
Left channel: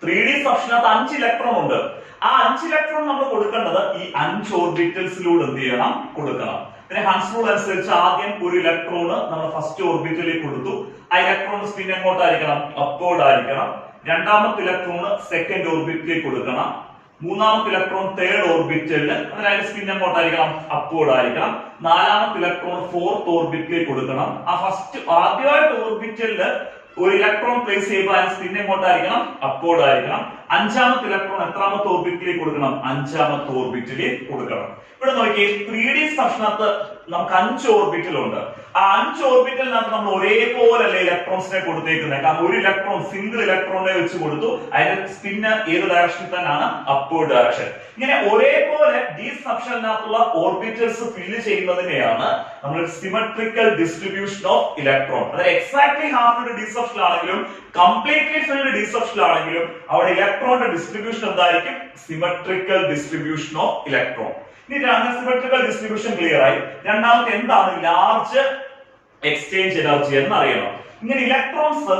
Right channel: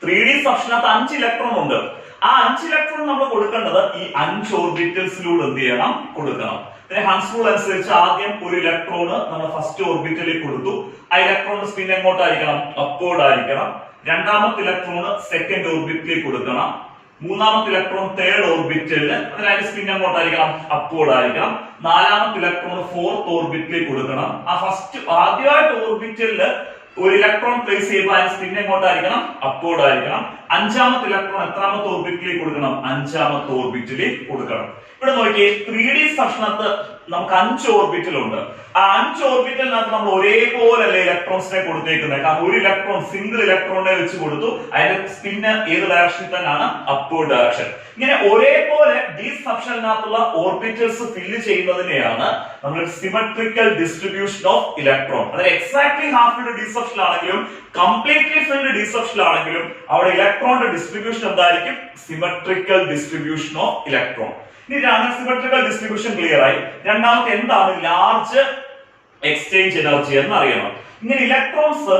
3D സബ്ഷെലിനകത്ത് 5 ഇലക്ട്രോൺ ഉണ്ട്. ആ 5 ഇലക്ട്രോൺ നമ്മൾ കൊടുക്കേണ്ടത് ഈ 5 ഓർബിറ്റൽസിലൂടെ എന്ത് ചെയ്യണം? കൊടുക്കണം. പിന്നെ ഹൺസ് റൂൾ അനുസരിച്ച് ആദ്യം ഒരു ഇലക്ട്രോൺ നമ്മൾ ഫസ്റ്റ് ഓർബിറ്റലിൽ കൊടുത്തു. ആ ഇലക്ട്രോൺ സ്പിൻ എങ്ങോട്ടായിരിക്കണം? അപ്വേർഡ് ആയിരിക്കണം. രണ്ടാമത്തെ ഇലക്ട്രോൺ സെക്കൻഡ് ഓർബിറ്റലിൽ കൊടുക്കണം. മൂന്നാമത്തെ ഇലക്ട്രോൺ തേർഡ് ഓർബിറ്റലിൽ, അതായത് സ്പിൻ എങ്ങോട്ടായിരിക്കണം, അപ്വേർഡ് ആയിരിക്കണം. നാലാമത്തെ ഇലക്ട്രോൺ ഫോർത്ത് ഓർബിറ്റിലേക്ക് കൊടുക്കണം. ആ ഫസ്റ്റ് ആദ്യമായിട്ട് ഓർബിറ്റലിൽ ഒരു ഇലക്ട്രോൺ പ്ലേസ് ചെയ്യുമ്പോൾ അതിന് സ്പിൻ എങ്ങോട്ടായിരിക്കണം, അപ്വേർഡ് ആയിരിക്കണം. അഞ്ചാമത്തെ ഇലക്ട്രോൺ എത്രാമത്തെ ഓർബിറ്റിലേക്ക് കൊടുക്കണം, അഞ്ചാമത്തെ ഓർബിറ്റിലേക്ക് കൊടുക്കണം. ഇവിടെ നോക്കിയേ 3D സബ്ഷനകത്ത് നമുക്ക് 5 ഓർബിറ്റൽ ഉണ്ട്. ആ 5 ഓർബിറ്റലിനകത്ത് നമ്മൾ ഒരേപോലെ ഇലക്ട്രോൺസിനെ കൊടുത്തേക്കുന്നത്. കാരണം ഒരു ഇലക്ട്രോൺ സിംഗിൾ ഇലക്ട്രോണിനെ വെച്ച് കൊടുത്തു, അതിന്റെ സ്പിന്ന് ഏത് ഡയറക്ഷനിൽ തന്നെയാണ്, അപ്വേർഡ് ഡയറക്ഷൻ. ഇങ്ങനെ ഒരേപോലെ ഡി സബ്ഷനകത്തുള്ള ഓർബിറ്റൽസ് ഫില്ല് ചെയ്യുന്നതിനെയാണ് നമ്മൾ സിമെട്രിക്കൽ ഡിസ്ട്രിബ്യൂഷൻ ഓഫ് ഇലക്ട്രോൺ. അതായത് എക്സാക്ട്ലി ഹാഫ് ഫിൽഡ് ഡി സബ്ഷൻ ആണെങ്കിലും കംപ്ലീറ്റ്ലി ഫിൽഡ് ഡി സബ്ഷൻ ആണെങ്കിലും അവിടെ ഇലക്ട്രോണിന്റെ ഡിസ്ട്രിബ്യൂഷൻ എന്തായിരിക്കും, സിമെട്രിക്കൽ ഡിസ്ട്രിബ്യൂഷൻ ഓഫ് ഇലക്ട്രോൺ. ഇനി സിമെട്രിക്കൽ ഡിസ്ട്രിബ്യൂഷൻ ക്ലിയർ ആയി. രണ്ടാമത്തെ എന്താണ് ലാർജ് എക്സ്ചേഞ്ച് എനർജി എന്ന് അറിയണം. ഇങ്ങനെ electrons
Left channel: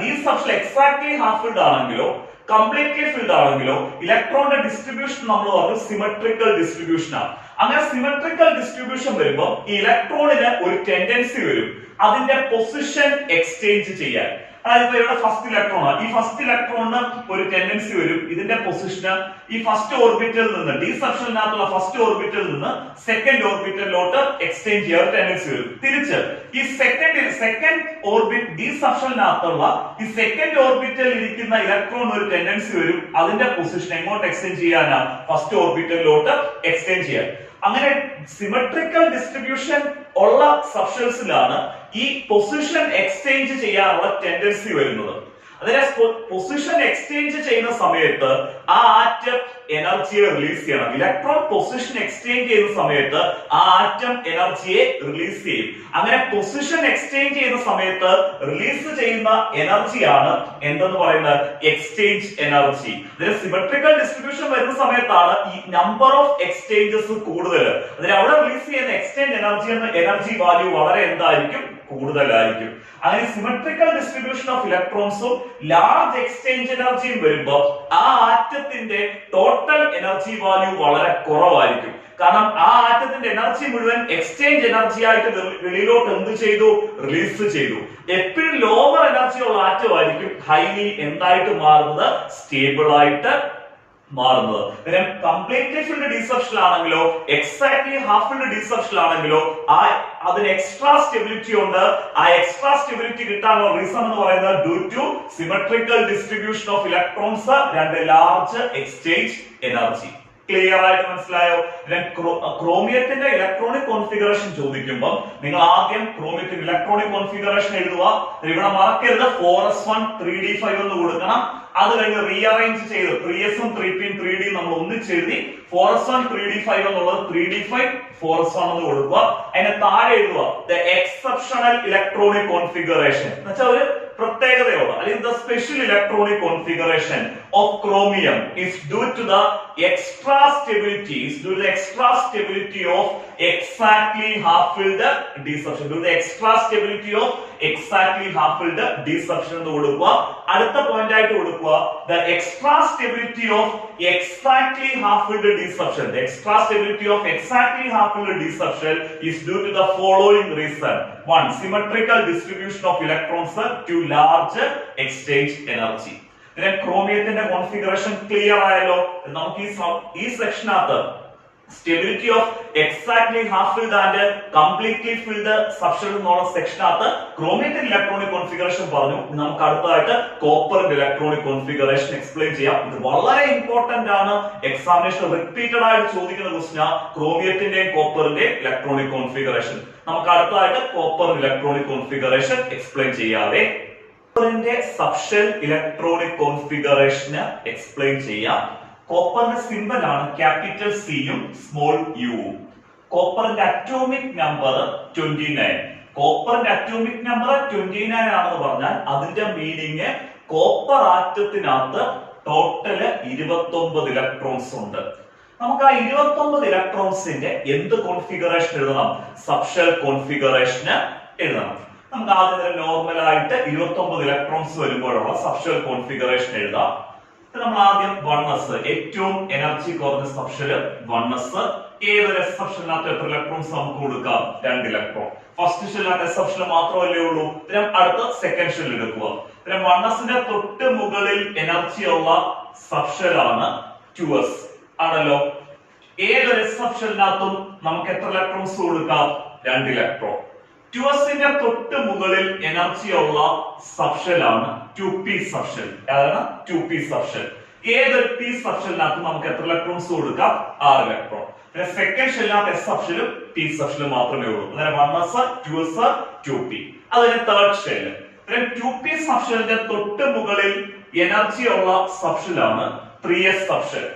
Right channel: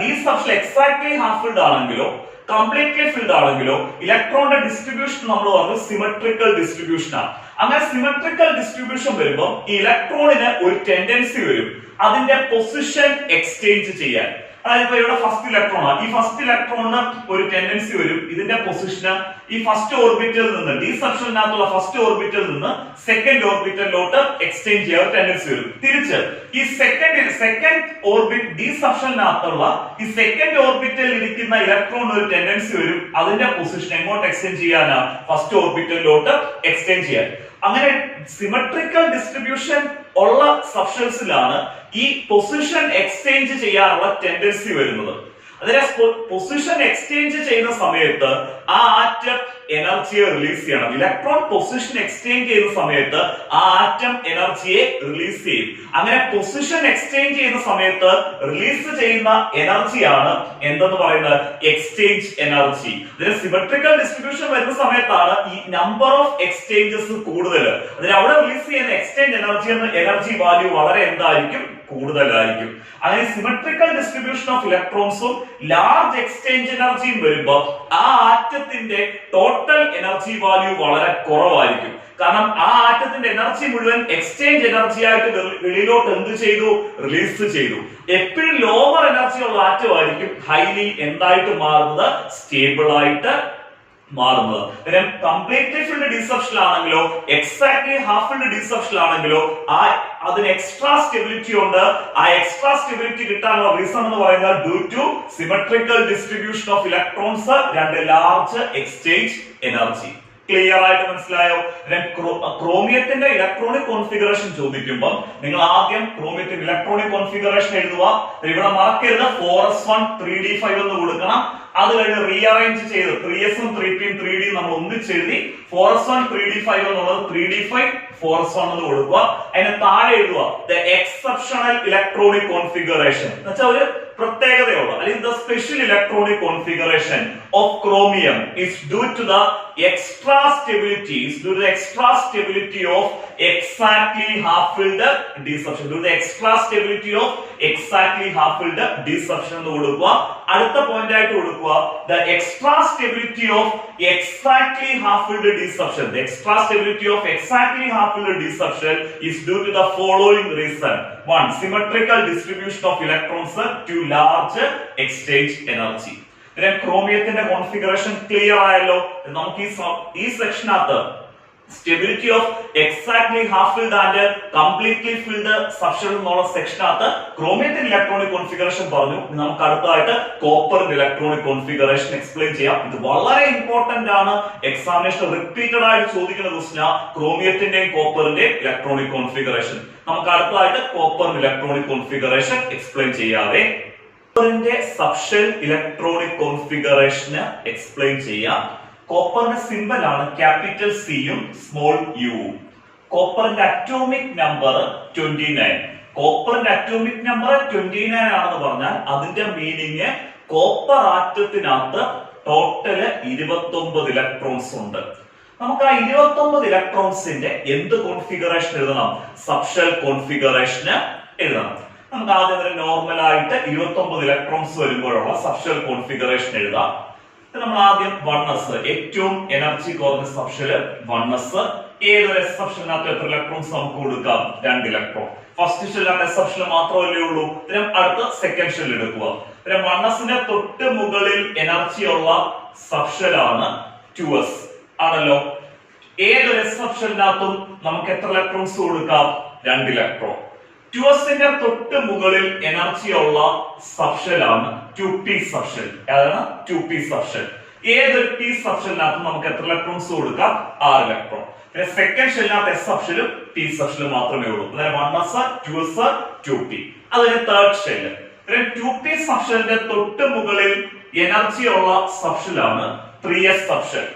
D സബ്ഷൻ exactly half filled ആണെങ്കിലോ കംപ്ലീറ്റ്ലി ഫിൽഡ് ആണെങ്കിലോ ഇലക്ട്രോണിന്റെ ഡിസ്ട്രിബ്യൂഷൻ നമ്മൾ പറഞ്ഞു സിമെട്രിക്കൽ ഡിസ്ട്രിബ്യൂഷൻ ആണ്. അങ്ങനെ സിമെട്രിക്കൽ ഡിസ്ട്രിബ്യൂഷൻ വരുമ്പോൾ ഈ ഇലക്ട്രോണിന് ഒരു ടെൻഡൻസി വരും അതിന്റെ പൊസിഷൻ എക്സ്ചേഞ്ച് ചെയ്യാൻ. അതായത് ഇപ്പൊ ഇവിടെ ഫസ്റ്റ് ഇലക്ട്രോൺ ആണ്, ഈ ഫസ്റ്റ് ഇലക്ട്രോണിന് ഒരു ടെൻഡൻസി വരും ഇതിന്റെ പൊസിഷന് ഈ ഫസ്റ്റ് ഓർബിറ്റലിൽ നിന്ന് ഡി സബ്ഷനകത്തുള്ള ഫസ്റ്റ് ഓർബിറ്റലിൽ നിന്ന് സെക്കൻഡ് ഓർബിറ്റലിലോട്ട് എക്സ്ചേഞ്ച് ചെയ്യാൻ ടെൻഡൻസി വരും. തിരിച്ച് ഈ സെക്കൻഡ് ഓർബിറ്റ് ഡി സബ്ഷനകത്തുള്ള ഈ സെക്കൻഡ് ഓർബിറ്റലിൽ ഇരിക്കുന്ന ഇലക്ട്രോൺ ഒരു ടെൻഡൻസി വരും അതിന്റെ പൊസിഷൻ എങ്ങോട്ട് എക്സ്ചേഞ്ച് ചെയ്യാനാണ്, ഫസ്റ്റ് ഓർബിറ്റലിലോട്ട് എക്സ്ചേഞ്ച് ചെയ്യാൻ. അങ്ങനെ സിമെട്രിക്കൽ ഡിസ്ട്രിബ്യൂഷൻ ഉള്ള സബ്സ്റ്റൻസിലാണ് ഈ പൊസിഷൻ എക്സ്ചേഞ്ച് ചെയ്യാനുള്ള ടെൻഡൻസി വരുന്നത്. അതിനെ പൊസിഷൻ എക്സ്ചേഞ്ച് ചെയ്യുന്ന സമയത്ത് ആ ആറ്റം എനർജിയെ റിലീസ് ചെയ്യണം. ഇലക്ട്രോൺ പൊസിഷൻ എക്സ്ചേഞ്ച് ചെയ്യുന്ന സമയത്ത് ആ ആറ്റം എനർജിയെ റിലീസ് ചെയ്യും. അങ്ങനെ പൊസിഷൻ എക്സ്ചേഞ്ച് ചെയ്യുന്ന സമയത്ത് റിലീസ് ചെയ്യുന്ന എനർജിയാണ് എന്തെന്ന് പറയുന്നത്, എക്സ്ചേഞ്ച് എനർജി. ഇതിന് സിമെട്രിക്കൽ ഡിസ്ട്രിബ്യൂഷൻ വരുന്ന സമയത്താണ് ഈ നമ്പർ ഓഫ് എക്സ്ചേഞ്ചസ് കൂടുതൽ. അതിന് അവിടെ റിലീസ് ചെയ്യുന്ന എക്സ്ചേഞ്ച് എനർജി എന്ന എനർജി വാല്യൂ വളരെ എന്തായിരിക്കും, കൂടുതലായിരിക്കും. അങ്ങനെ സിമെട്രിക്കൽ ഡിസ്ട്രിബ്യൂഷൻ ഓഫ് ഇലക്ട്രോൺസും ലാർജ് എക്സ്ചേഞ്ച് എനർജിയും വരുമ്പോൾ ആ ആറ്റത്തിന്റെ ടോട്ടൽ എനർജി വാല്യൂ വളരെ കുറവായിരിക്കും. കാരണം ആ ആറ്റത്തിന്റെ എനർജി മുഴുവൻ എക്സ്ചേഞ്ച് എനർജി ആയിട്ട് വെളിയിലോട്ട് എന്ത് ചെയ്തു, റിലീസ് ചെയ്തു. എപ്പോഴും ലോവർ എനർജി ഉള്ള ആറ്റം ആയിരിക്കും ഹൈലി എന്തായിട്ട് മാറുന്നത്, സ്റ്റേബിൾ ആയിട്ട് മാറുന്നത്. കംപ്ലീറ്റ്ലി ഫിൽഡ് ഡിസെപ്ഷൻ ആണെങ്കിലോ എക്സാക്ട്ലി ഹാഫ് ഫിൽഡ് ഡിസെപ്ഷൻ ആണെങ്കിലോ അതിന് എക്സ്ട്രാ സ്റ്റെബിലിറ്റി ഉണ്ട്. ആ എക്സ്ട്രാ സ്റ്റെബിലിറ്റി കിട്ടാനുള്ള റീസൺ എന്ന് പറയുന്നത് due to symmetrical distribution of electrons, രണ്ട് ലാർജ് എക്സ്ചേഞ്ച് എനർജി. ക്ലിയർ ആയിട്ട് മനസ്സിലായോ? ക്രോമിയത്തിന്റെ ഇലക്ട്രോണിക് കോൺഫിഗറേഷൻ ചോദിക്കുമ്പോൾ നിങ്ങൾ ആദ്യം ക്രോമിയത്തിന്റെ ഇലക്ട്രോണിക് കോൺഫിഗറേഷൻ എഴുതുക. ഇവിടെ മറക്കരുത് 4s1 3d5 എന്ന് കൊടുക്കണം. അത് കഴിഞ്ഞ് റീഅറേഞ്ച് ചെയ്ത് 3s ഉം 3p ഉം 3d നമ്മൾ ഒന്നിച്ചെഴുതി 4s1 3d5 എന്നുള്ളത് 3d5 4s1 എന്ന് കൊടുക്കുക. അതിന് താഴെ എഴുതുക ദ എക്സെപ്ഷണൽ ഇലക്ട്രോണിക് കോൺഫിഗറേഷൻ എന്ന് വെച്ചാൽ ഒരു പ്രത്യേകതയുള്ള അല്ലെങ്കിൽ the special electronic configuration of chromium is due to the extra stability of exactly half filled deception. Due to the extra stability of exactly half filled deception എന്ന് കൊടുക്കുക. അടുത്ത point ആയിട്ട് കൊടുക്കുക the extra stability of exactly half filled deception. The extra stability of exactly half filled deception is due to the following reason. One, symmetrical distribution of electrons to large exchange energy. ക്രോമിയത്തിന്റെ configuration clear ആയല്ലോ. നമുക്ക് ഈ സെക്ഷനകത്ത് stability of exactly half filled and completely filled substance എന്നുള്ള സെക്ഷനകത്ത് ക്രോമിയത്തിന്റെ ഇലക്ട്രോണിക് configuration പറഞ്ഞു. നമുക്ക് അടുത്തതായിട്ട് കോപ്പറിന്റെ ഇലക്ട്രോണിക് കോൺഫിഗറേഷൻ എക്സ്പ്ലെയിൻ ചെയ്യാം. ഇത് വളരെ ഇമ്പോർട്ടന്റ് ആണ്, എക്സാമിനേഷൻ റിപ്പീറ്റഡ് ആയിട്ട് ചോദിക്കുന്ന ക്വസ്റ്റ്യൻ ക്രോമിയത്തിന്റെയും കോപ്പറിന്റെയും ഇലക്ട്രോണിക് കോൺഫിഗറേഷൻ. നമുക്ക് അടുത്തതായിട്ട് കോപ്പറിന്റെ ഇലക്ട്രോണിക് കോൺഫിഗറേഷൻ എക്സ്പ്ലെയിൻ ചെയ്യാതെ കോപ്പറിന്റെ സബ്ഷെൽ ഇലക്ട്രോണിക് കോൺഫിഗറേഷന് എക്സ്പ്ലെയിൻ ചെയ്യാം. കോപ്പറിന്റെ സിംബൽ ആണ് ക്യാപിറ്റൽ സിയും സ്മോൾ യുവും. കോപ്പറിന്റെ അറ്റോമിക് നമ്പർ 29. കോപ്പറിന്റെ അറ്റോമിക് നമ്പർ 29 ആണെന്ന് പറഞ്ഞാൽ അതിന്റെ മീനിങ് കോപ്പർ ആറ്റത്തിനകത്ത് ടോട്ടല് 29 ഇലക്ട്രോൺസ് ഉണ്ട്. നമുക്ക് ആ 29 ഇലക്ട്രോൺസിന്റെ എന്ത് കോൺഫിഗറേഷൻ എഴുതണം, സബ്ഷെൽ കോൺഫിഗറേഷന് എഴുതണം. നമുക്ക് ആദ്യം തന്നെ നോർമൽ ആയിട്ട് 29 ഇലക്ട്രോൺസ് വരുമ്പോഴുള്ള സബ്ഷെൽ കോൺഫിഗറേഷൻ എഴുതാം. നമ്മൾ ആദ്യം 1s, ഏറ്റവും എനർജി കുറഞ്ഞ സബ്ഷെല് 1s. ഏതൊരു സബ്ഷെലിനകത്ത് എത്ര ഇലക്ട്രോൺസ് നമുക്ക് കൊടുക്കാം, 2 ഇലക്ട്രോൺ. ഫസ്റ്റ് ഷെല്ലിനകത്ത് സബ്ഷെൽ മാത്രമല്ലേ ഉള്ളൂ. അടുത്ത സെക്കൻഡ് ഷെൽ എടുക്കുക. 1sന്റെ തൊട്ട് മുകളിൽ എനർജി ഉള്ള സബ്ഷെലാണ് 2s ആണല്ലോ. ഏതൊരു s സബ്ഷെല്ലിനകത്തും നമുക്ക് എത്ര ഇലക്ട്രോൺസ് കൊടുക്കാം? 2 ഇലക്ട്രോൺ. 2sന്റെ തൊട്ട് മുകളിൽ എനർജി ഉള്ള സബ്ഷെല്ലാണ് 2p സബ്ഷെൽ. അതാണ് 2p സബ്ഷെൽ. ഏതൊരു p സബ്ഷെല്ലിനകത്തും നമുക്ക് എത്ര ഇലക്ട്രോൺസ് കൊടുക്കാം? 6 ഇലക്ട്രോൺ. പിന്നെ സെക്കൻഡ് ഷെല്ലിനകത്ത് s സബ്ഷെലും p സബ്ഷെലും മാത്രമേ ഉള്ളൂ. അതായത് 1s 2s 2p. അതിന് തേർഡ് ഷെല്ല്. പിന്നെ 2p സബ്ഷെല്ലിന്റെ തൊട്ട് മുകളിൽ എനർജി ഉള്ള സബ്ഷെല്ലാണ് 3s സബ്ഷെൽ.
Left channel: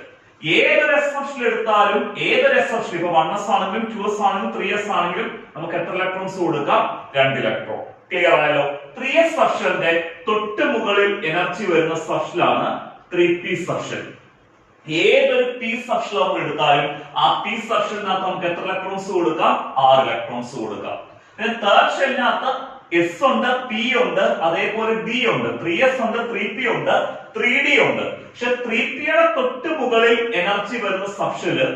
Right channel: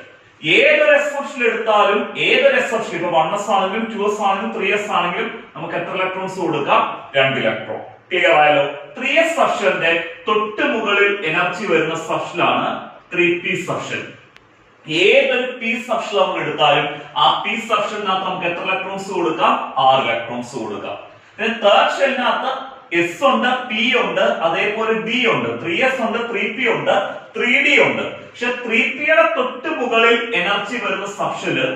ഏതൊരു s സബ്ഷെൽ എടുത്താലും ഏതൊരു s സബ്ഷെൽ ഇപ്പൊ 1s ആണെങ്കിലും 2s ആണെങ്കിലും 3s ആണെങ്കിലും നമുക്ക് എത്ര ഇലക്ട്രോൺസ് കൊടുക്കാം? 2 ഇലക്ട്രോൺ. ക്ലിയർ ആയല്ലോ. 3s സബ്ഷെലിന്റെ തൊട്ട് മുകളിൽ എനർജി വരുന്ന സബ്ഷെലാണ് 3p സബ്ഷെൽ. ഏതൊരു p സബ്ഷെൽ നമ്മൾ എടുത്താലും ആ p സബ്ഷെലിനകത്ത് നമുക്ക് എത്ര ഇലക്ട്രോൺസ് കൊടുക്കാം? 6 ഇലക്ട്രോൺസ് കൊടുക്കാം. പിന്നെ തേർഡ് ഷെല്ലിനകത്ത് s ഉണ്ട്, p ഉണ്ട്, അതേപോലെ d ഉണ്ട്, 3s ഉണ്ട്, 3p ഉണ്ട്, 3d ഉണ്ട്. പക്ഷെ 3p യുടെ തൊട്ട് മുകളിൽ എനർജി വരുന്ന സബ്ഷെല്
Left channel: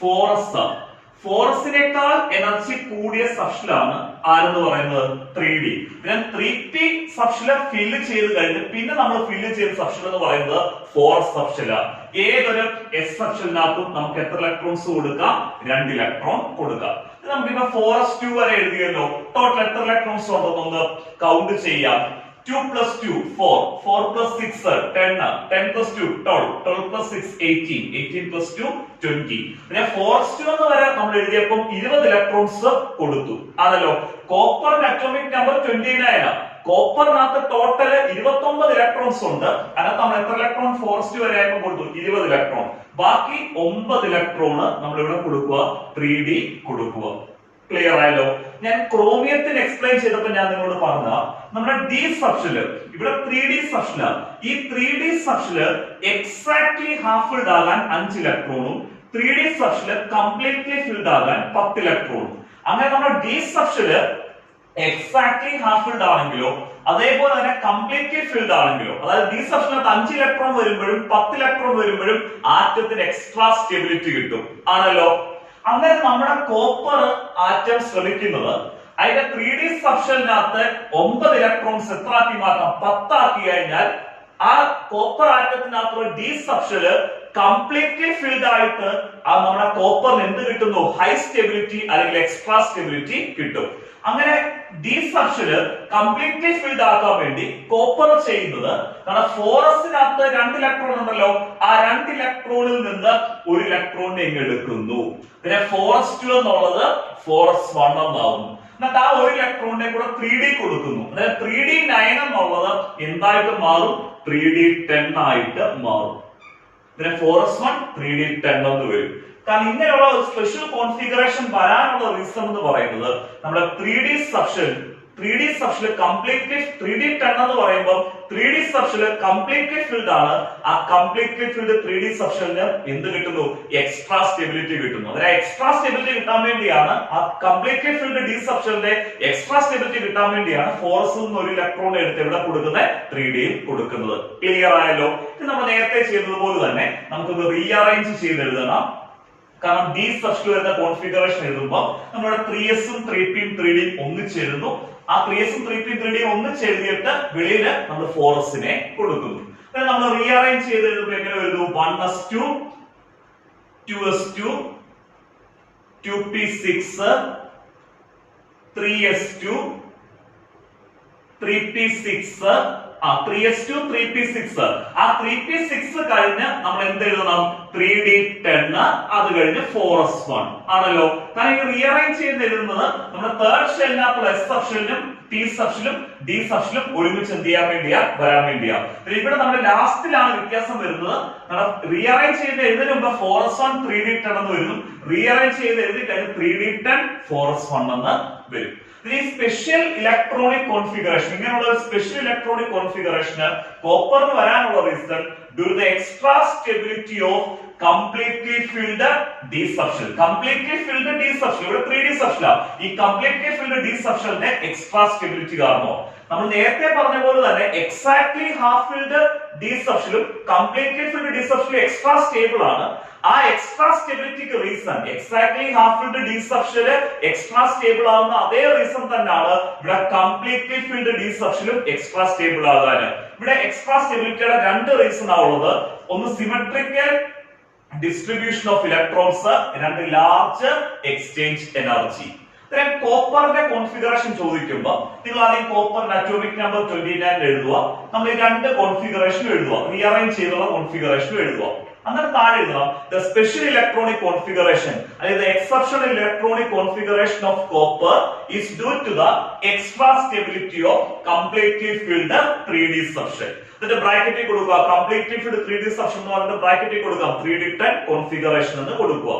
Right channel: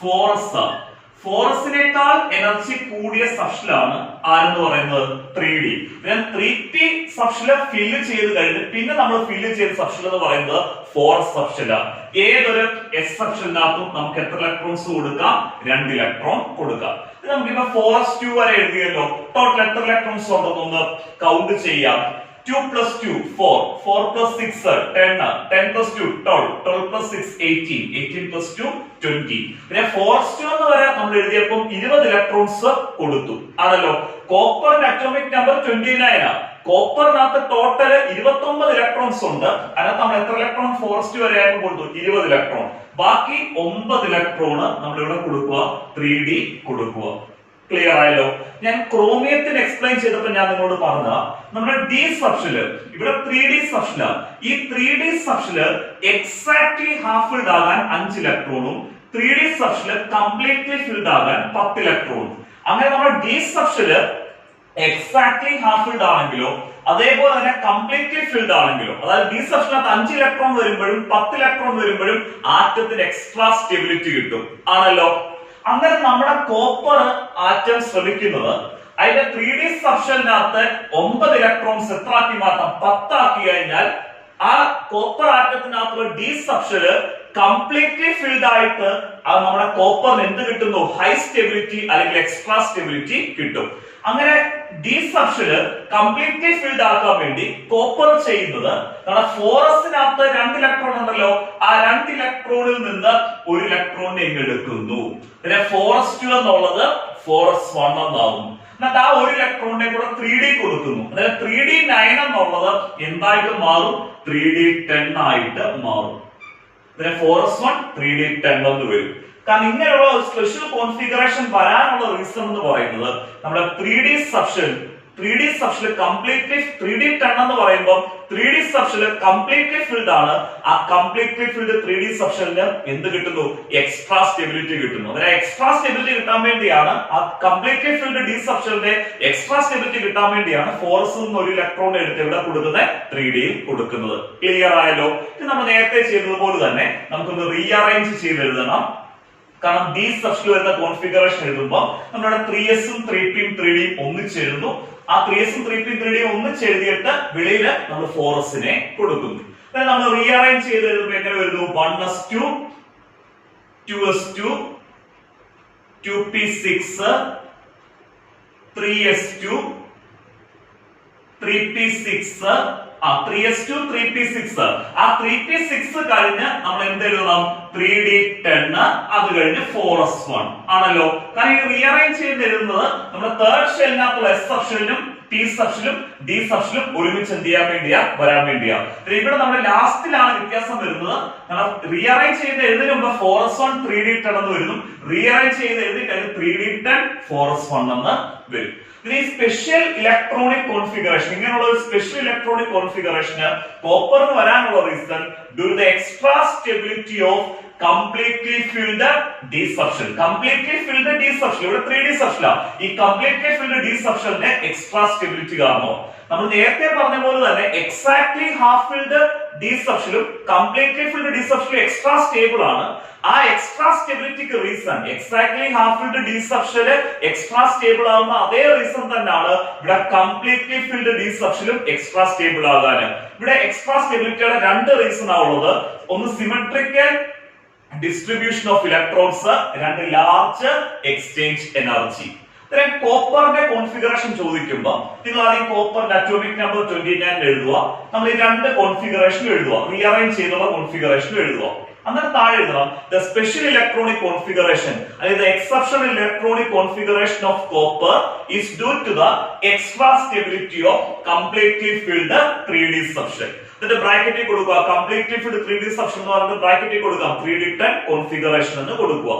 4s ആണ്. 4sനേക്കാൾ എനർജി കൂടിയ സബ്ഷെലാണ് ആരെന്ന് പറയുന്നത്? 3d. പിന്നെ 3p സബ്ഷെല് ഫില്ല് ചെയ്ത് കഴിഞ്ഞ് പിന്നെ നമ്മൾ ഫില്ല് ചെയ്ത സബ്ഷെൽ എന്ന് പറയുന്നത് 4s സബ്ഷെലാണ്. ഏതൊരു s സബ്ഷെലിനകത്തും നമുക്ക് എത്ര ഇലക്ട്രോൺസ് കൊടുക്കാം? 2 ഇലക്ട്രോൺ കൊടുക്കാം. നമുക്കിപ്പോ 4s2 വരെ എഴുതിയല്ലോ. ടോട്ടൽ എത്ര ഇലക്ട്രോൺസ് ഉണ്ടെന്നൊന്ന് കൗണ്ട് ചെയ്യാം. 2 plus 2 4, 4 plus 6 10, 10 plus 2 12, 12 plus 6 18, 18 plus 2 20. പിന്നെ 4s2 എന്ന് വരെ നമ്മൾ എഴുതിയപ്പോൾ 20 ഇലക്ട്രോൺസ് കൊടുത്തു ആണല്ലോ. കോപ്പറിന്റെ അറ്റോമിക് നമ്പർ 29 ആണ്. കോപ്പറിനകത്ത് ടോട്ടൽ 29 ഇലക്ട്രോൺസ് ഉണ്ട്. അതിനകത്ത് നമ്മൾ എത്ര ഇലക്ട്രോൺ 4s2 വരെ ആയപ്പോൾ കൊടുത്തു? 20 ഇലക്ട്രോൺ. ബാക്കി 9 ഇലക്ട്രോൺ നമ്മൾ ഇവിടെ കൊടുക്കുക, 3d കൊടുക്കുക. ക്ലിയർ ആയല്ലോ. ഞാൻ ക്രോമിയത്തിന് എക്സ്പ്ലെയിൻ ചെയ്തപ്പോൾ ഞാൻ നിങ്ങളോട് പറഞ്ഞ നമ്മുടെ d സബ്ഷെല് ഇവിടെ 3d സബ്ഷെലാണ്. ഈ 3d subshell exactly half filled ആകാൻ 5 ഇലക്ട്രോണും 3d സബ്ഷെല് കംപ്ലീറ്റ്ലി ഫിൽഡ് ആകാൻ 10 ഇലക്ട്രോണും. അങ്ങനെ നമ്മുടെ d subshell exactly half filled ആണെങ്കിലോ അതേപോലെ തന്നെ കംപ്ലീറ്റ്ലി ഫിൽഡ് ആണെങ്കിലോ, അതായത് d സബ്ഷെലിനകത്ത് 5 ഇലക്ട്രോൺ വരുമ്പോഴും 10 ഇലക്ട്രോൺ വരുമ്പോഴും ആറ്റത്തിന് എക്സ്ട്രാ സ്റ്റെബിലിറ്റി കിട്ടും ആണല്ലോ. അങ്ങനെ നമ്മുടെ കോപ്പർ ആറ്റം ശ്രമിക്കുന്നത് അതിന്റെ 3d സബ്ഷെലിനകത്ത് 9 ഇലക്ട്രോൺസ് എത്ര ആക്കി മാറ്റാം? 10 ആക്കി കഴിഞ്ഞാൽ ആ കോപ്പർ ആറ്റത്തിനകത്തുള്ള d സബ്ഷെല് കംപ്ലീറ്റ്ലി ഫിൽഡ് ആയിട്ട് അത് നമ്മുടെ കോപ്പറിന് എന്ത് കിട്ടുന്നു? ഹൈ സ്റ്റെബിലിറ്റി അല്ലെങ്കിൽ എക്സ്ട്രാ സ്റ്റെബിലിറ്റി കിട്ടും. അങ്ങനെ d സബ്ഷെല് കംപ്ലീറ്റ്ലി ഫിൽഡ് ആക്കാൻ വേണ്ടി കോപ്പർ ചെയ്യുന്നത് നമ്മുടെ 4sനകത്ത് 2 ഇലക്ട്രോൺ ഉണ്ടല്ലോ, ആ 2 ഇലക്ട്രോണിൽ നിന്ന് 1 ഇലക്ട്രോണിനെ എടുക്കുന്നു. പിന്നെ 4s2 എന്നുള്ളത് 4s1 എന്നാകുന്നു. എന്നിട്ട് ആ 1 ഇലക്ട്രോണിനെ കൂടെ 3d കൊടുക്കുന്നു. അതായത് 3d9 എന്നുള്ളത് എന്തായിട്ട് മാറും? 3d10 ആയിട്ട് മാറും. പിന്നെ 4s1 3d10 എന്ന് വരും. കാരണം ഇങ്ങനെയുള്ള ഒരു സ്പെഷ്യൽ കോൺഫിഗറേഷൻ വരാനുള്ള റീസൺ എന്ന് പറയുന്നത് നമ്മുടെ 3d സബ്ഷെൽ കംപ്ലീറ്റ്ലി 3d10 എന്ന് പറയുമ്പോൾ 3d സബ്ഷെൽ കംപ്ലീറ്റ്ലി ഫിൽഡ് ആണ്. ആ കംപ്ലീറ്റ്ലി ഫിൽഡ് 3d സബ്ഷെലിന് എന്ത് കിട്ടുന്നു? എക്സ്ട്രാ സ്റ്റെബിലിറ്റി കിട്ടുന്നു. അതായത് എക്സ്ട്രാ സ്റ്റെബിലിറ്റി കിട്ടാൻ വേണ്ടിയാണ് ആ കംപ്ലീറ്റ്ലി ഫിൽഡ് d സബ്ഷെലിന്റെ എക്സ്ട്രാ സ്റ്റെബിലിറ്റി കിട്ടാൻ വേണ്ടിയാണ് 4s നിന്ന് 1 ഇലക്ട്രോൺ എടുത്ത് ഇവിടെ കൊടുക്കുന്നത് 3d യിൽ കൊടുക്കുന്നത്. ക്ലിയർ ആയല്ലോ. ഇത് നമ്മൾ നേരത്തെ ചെയ്തതുപോലെ തന്നെ നമുക്കൊന്ന് റീഅറേഞ്ച് ചെയ്ത് എഴുതണം. കാരണം d സബ്ഷെൽ വരുന്ന കോൺഫിഗറേഷൻ എഴുതുമ്പോൾ നമ്മുടെ 3s ഉം 3p ഉം 3d ഉം ഒന്നിച്ചെഴുതുന്നു. ആ 3s ഉം 3p ഉം 3d ഉം ഒന്നിച്ചെഴുതിയിട്ട് വെളിയിൽ നമ്മൾ 4sനെ കൊടുക്കുന്നു. നമ്മൾ റീഅറേഞ്ച് ചെയ്ത് എഴുതുമ്പോൾ എങ്ങനെ വരുന്നു? 1s2 2s2 2p6 3s2 3p6 3s2 3p6. ആ 3p6 കഴിഞ്ഞ് നമ്മൾ എന്ത് എഴുതണം? 3d10. അത് കഴിഞ്ഞ് 4s1 ആണല്ലോ. കാരണം ഇത് റീഅറേഞ്ച് ചെയ്ത് എഴുതുന്നത് നമ്മുടെ തേർഡ് ഷെല്ലിനകത്തുള്ള s സബ്ഷെലിനും p സബ്ഷെലും d സബ്ഷെലും ഒരുമിച്ച് എന്ത് ചെയ്യാൻ വേണ്ടിയാ? വരാൻ വേണ്ടിയാ. ഇവിടെ നമ്മുടെ ലാസ്റ്റിലാണ് വ്യത്യാസം വരുന്നത്. നമ്മൾ റീഅറേഞ്ച് ചെയ്ത് എഴുതുന്നതിന് മുമ്പ് 4s1 3d10 എന്ന് വരുന്നു. റീഅറേഞ്ച് ചെയ്ത് എഴുതി കഴിഞ്ഞ് 3d10 4s1 എന്ന് വരും. ഈ സ്പെഷ്യൽ ഇലക്ട്രോണിക് കോൺഫിഗറേഷൻ, ഇങ്ങനെയുള്ള ഒരു സ്പെഷ്യൽ ഇലക്ട്രോണിക് കോൺഫിഗറേഷന് കോപ്പറിന് വരാനുള്ള reason due to the extra stability of completely filled d സബ്ഷെൽ. കംപ്ലീറ്റ്ലി ഫിൽഡ് d സബ്ഷെൽ ഇവിടെ 3d സബ്ഷെലാണ്. ഈ കംപ്ലീറ്റ്ലി ഫിൽഡ് d സബ്ഷെലിന്റെ എക്സ്ട്രാ സ്റ്റെബിലിറ്റി കാരണോ നമ്മൾ നേരത്തെ പറഞ്ഞ പോലെ തന്നെ എക്സാക്ട്ലി ഹാഫ് ഫിൽഡ് d സബ്ഷെലും കംപ്ലീറ്റ്ലി ഫിൽഡ് d സബ്ഷെലും എക്സ്ട്രാ സ്റ്റേബിൾ ആണ്. ആ എക്സ്ട്രാ സ്റ്റെബിലിറ്റിക്ക് reason exactly half filled d സബ്ഷെൽ എക്സ്ട്രാ സ്റ്റേബിൾ ആവുന്ന അതേ റീസൺ തന്നെയാണ് ഇവിടെ കംപ്ലീറ്റ്ലി ഫിൽഡ് d സബ്ഷെലും എക്സ്ട്രാ സ്റ്റേബിൾ ആകാൻ. ഇവിടെ എക്സ്ട്രാ സ്റ്റെബിലിറ്റിയുടെ 2 റീസൺ ആണുള്ളത്. ഒന്ന് സിമെട്രിക്കൽ ഡിസ്ട്രിബ്യൂഷൻ ഓഫ് ഇലക്ട്രോൺസ്, രണ്ട് ലാർജ് എക്സ്ചേഞ്ച് എനർജി. കോപ്പറിന്റെ കോൺഫിഗറേഷൻ ചോദിക്കുമ്പോൾ നിങ്ങൾ ആദ്യം കോപ്പറിന്റെ അറ്റോമിക് നമ്പർ 29 എഴുതുക. നമ്മൾ ഈ രണ്ട് കോൺഫിഗറേഷൻ എഴുതുക, റീഅറേഞ്ച് ചെയ്തുള്ള കോൺഫിഗറേഷൻ എഴുതുക. അങ്ങനെ താഴെ എഴുതണം ദ സ്പെഷ്യൽ ഇലക്ട്രോണിക് കോൺഫിഗറേഷൻ, അതായത് exceptional electronic configuration of copper is due to the extra stability of completely filled 3D substate. എന്നിട്ട് ബ്രാക്കറ്റിൽ കൊടുക്കുക കംപ്ലീറ്റ്ലി ഫിൽഡ് 3D സബ്സ്റ്റേറ്റ് എന്ന് പറഞ്ഞിട്ട് ബ്രാക്കറ്റിൽ കൊടുക്കാം 3D10 കോൺഫിഗറേഷൻ എന്ന് കൊടുക്കുക.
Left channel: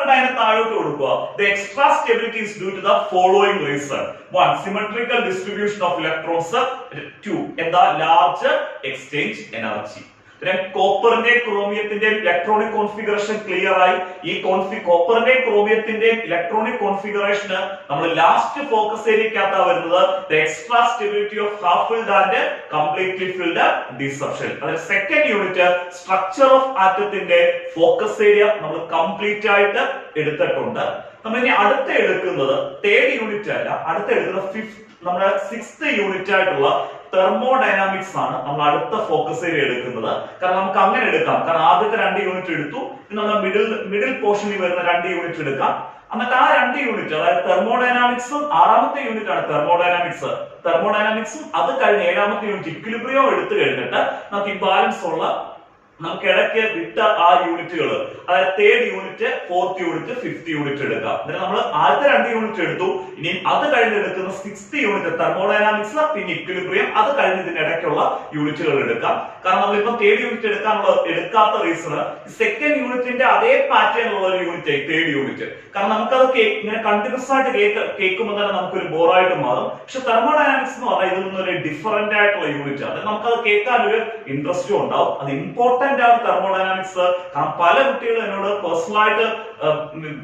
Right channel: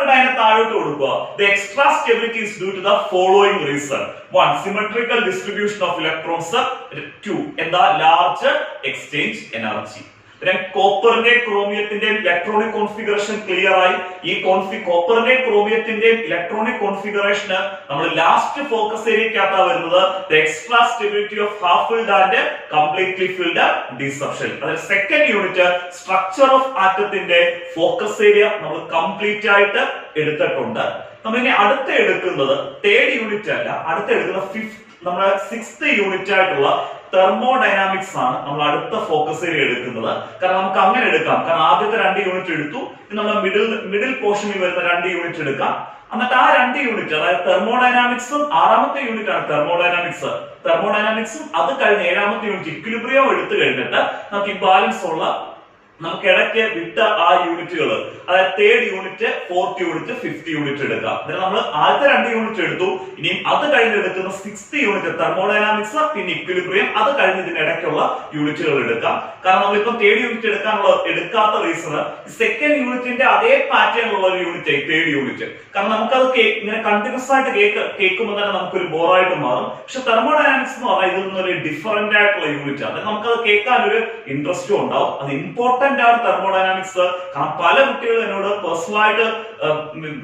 അതിനെ താഴോട്ട് കൊടുക്കുക. The extra stability is due to the following reason. 1. Symmetrical distribution of electrons. 2. എന്താ large exchange energy. കോപ്പറിന്റെ ക്രോമിയത്തിന്റെ ഇലക്ട്രോണിക് കോൺഫിഗറേഷൻ ക്ലിയർ ആയി. ഈ കോപ്പറിന്റെ ക്രോമിയത്തിന്റെ ഇലക്ട്രോണിക് കോൺഫിഗറേഷന് നമ്മൾ ലാസ്റ്റ് ഫോക്കസ് ഏരിയക്കകത്താ വരുന്നത് the extra stability of half filled and completely filled D substate. അതിൽ സെക്കൻഡ് യൂണിറ്റ് സ്ട്രക്ചർ ഓഫ് ആറ്റത്തിന്റെ ഫോക്കസ് ഏരിയ നമ്മൾ കംപ്ലീറ്റ് ആയിട്ട് എടുത്തിട്ടുണ്ട്. നമ്മൾ ഇനി അടുത്ത എടുക്കുന്നത് തേർഡ് യൂണിറ്റ് അല്ല, അടുത്ത എടുക്കുന്നത് നമ്മുടെ 6th യൂണിറ്റ് ആയിട്ടുള്ള തെർമോഡൈനാമിക്സ് ആണ് നമ്മൾ അടുത്ത ഫോക്കസ് ഏരിയ എടുക്കുന്നത്. കാരണം നമുക്ക് അങ്ങനെ എടുക്കാം, കാരണം ആദ്യത്തെ 2 യൂണിറ്റ് എടുത്തു, നമ്മൾ മിഡിൽ പോർഷനിൽ വരുന്ന 2 യൂണിറ്റ് എടുക്കാം. എന്നിട്ട് ആ 2 യൂണിറ്റ്, അതായത് തെർമോഡൈനാമിക്സും 6ാമത്തെ യൂണിറ്റ് ആണ് തെർമോഡൈനാമിക്സും അത് കഴിഞ്ഞ് 7ാമത്തെ യൂണിറ്റ് ഇക്വിലിബ്രിയം എടുത്തു കഴിഞ്ഞിട്ട് നമുക്ക് ഇംബാലൻസ് ഉള്ള നമുക്ക് ഇടയ്ക്ക് വിട്ട ആ യൂണിറ്റുകൾ, അതായത് third unit, fourth unit, fifth unit എടുക്കാം. എന്നിട്ട് നമ്മൾ ആദ്യത്തെ 2 യൂണിറ്റ് എടുത്തു, ഇനിയും അത് കഴിഞ്ഞ് എടുക്കുന്ന 6th യൂണിറ്റ് തെർമോഡൈനാമിക്സ്, പിന്നെ ഇക്വിലിബ്രിയം, അത് കഴിഞ്ഞ് ഇതിന് ഇടയ്ക്കുള്ള യൂണിറ്റുകൾ എടുക്കാം. കാരണം നമ്മളിപ്പോ തേർഡ് യൂണിറ്റ് എടുക്കാത്ത റീസൺ സെക്കൻഡ് യൂണിറ്റിന്റെ അതേ പാറ്റേണിലുള്ള ഒരു യൂണിറ്റ് ആയി തേർഡ് യൂണിറ്റ്. കാരണം നമുക്കത് ഇങ്ങനെ കണ്ടിന്യൂസ് ആയിട്ട് കേൾക്കുമ്പോൾ തന്നെ നമുക്കൊരു ബോറായിട്ട് മാറും. പക്ഷെ തെർമോഡൈനാമിക്സ് എന്ന് പറഞ്ഞാൽ ഇതിൽ നിന്നൊരു ഡിഫറന്റ് ആയിട്ടുള്ള യൂണിറ്റ് ആണ്. നമുക്കത് കേൾക്കാൻ ഒരു ഇൻട്രസ്റ്റും ഉണ്ടാവും. അത് ഇമ്പോർട്ടന്റ് തെർമോഡൈനാമിക്സ്. കാരണം പല കുട്ടികളും എന്നോട് പേഴ്സണലായിട്ട്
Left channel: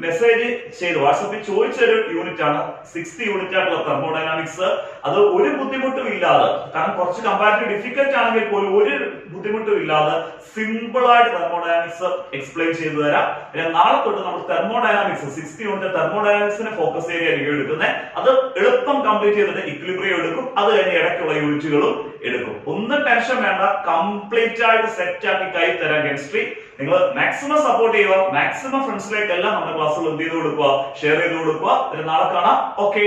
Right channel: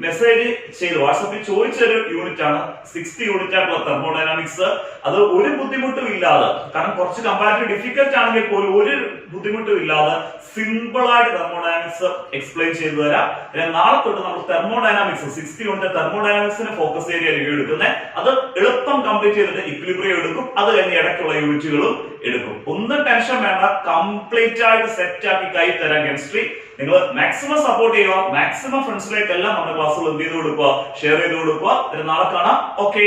മെസ്സേജ് ചെയ്ത് വാട്സാപ്പിൽ ചോദിച്ചൊരു യൂണിറ്റ് ആണ് 6th യൂണിറ്റ് ആയിട്ടുള്ള തെർമോഡൈനാമിക്സ്. അത് ഒരു ബുദ്ധിമുട്ടും ഇല്ലാതെ, കാരണം കുറച്ച് കമ്പാരിറ്റീവ് ഡിഫിക്കൽട്ട് ആണെങ്കിൽ പോലും ഒരു ബുദ്ധിമുട്ടും ഇല്ലാതെ സിമ്പിൾ ആയിട്ട് തെർമോഡൈനാമിക്സ് എക്സ്പ്ലെയിൻ ചെയ്തു തരാം. നാളെ തൊട്ട് നമ്മൾ തെർമോഡൈനാമിക്സ് 6th യൂണിറ്റ് തെർമോഡൈനാമിക്സിന്റെ ഫോക്കസ് ഏരിയ റിവ്യൂ എടുക്കുന്നത്. അത് എളുപ്പം കംപ്ലീറ്റ് ചെയ്തിട്ട് ഇക്വിലിബ്രിയം എടുക്കും, അത് കഴിഞ്ഞ് ഇടയ്ക്കുള്ള യൂണിറ്റുകളും എടുക്കും. ഒന്നും ടെൻഷൻ വേണ്ട, കംപ്ലീറ്റ് ആയിട്ട് സെറ്റ് ആക്കി കൈ തരാം കെമിസ്ട്രി. നിങ്ങൾ മാക്സിമം സപ്പോർട്ട് ചെയ്യുക, മാക്സിമം ഫ്രണ്ട്സിലേക്കെല്ലാം നമ്മുടെ ക്ലാസ്സുകൾ എന്ത് ചെയ്ത് കൊടുക്കുക, ഷെയർ ചെയ്ത് കൊടുക്കുക. നാളെ കാണാം. ഓക്കെ.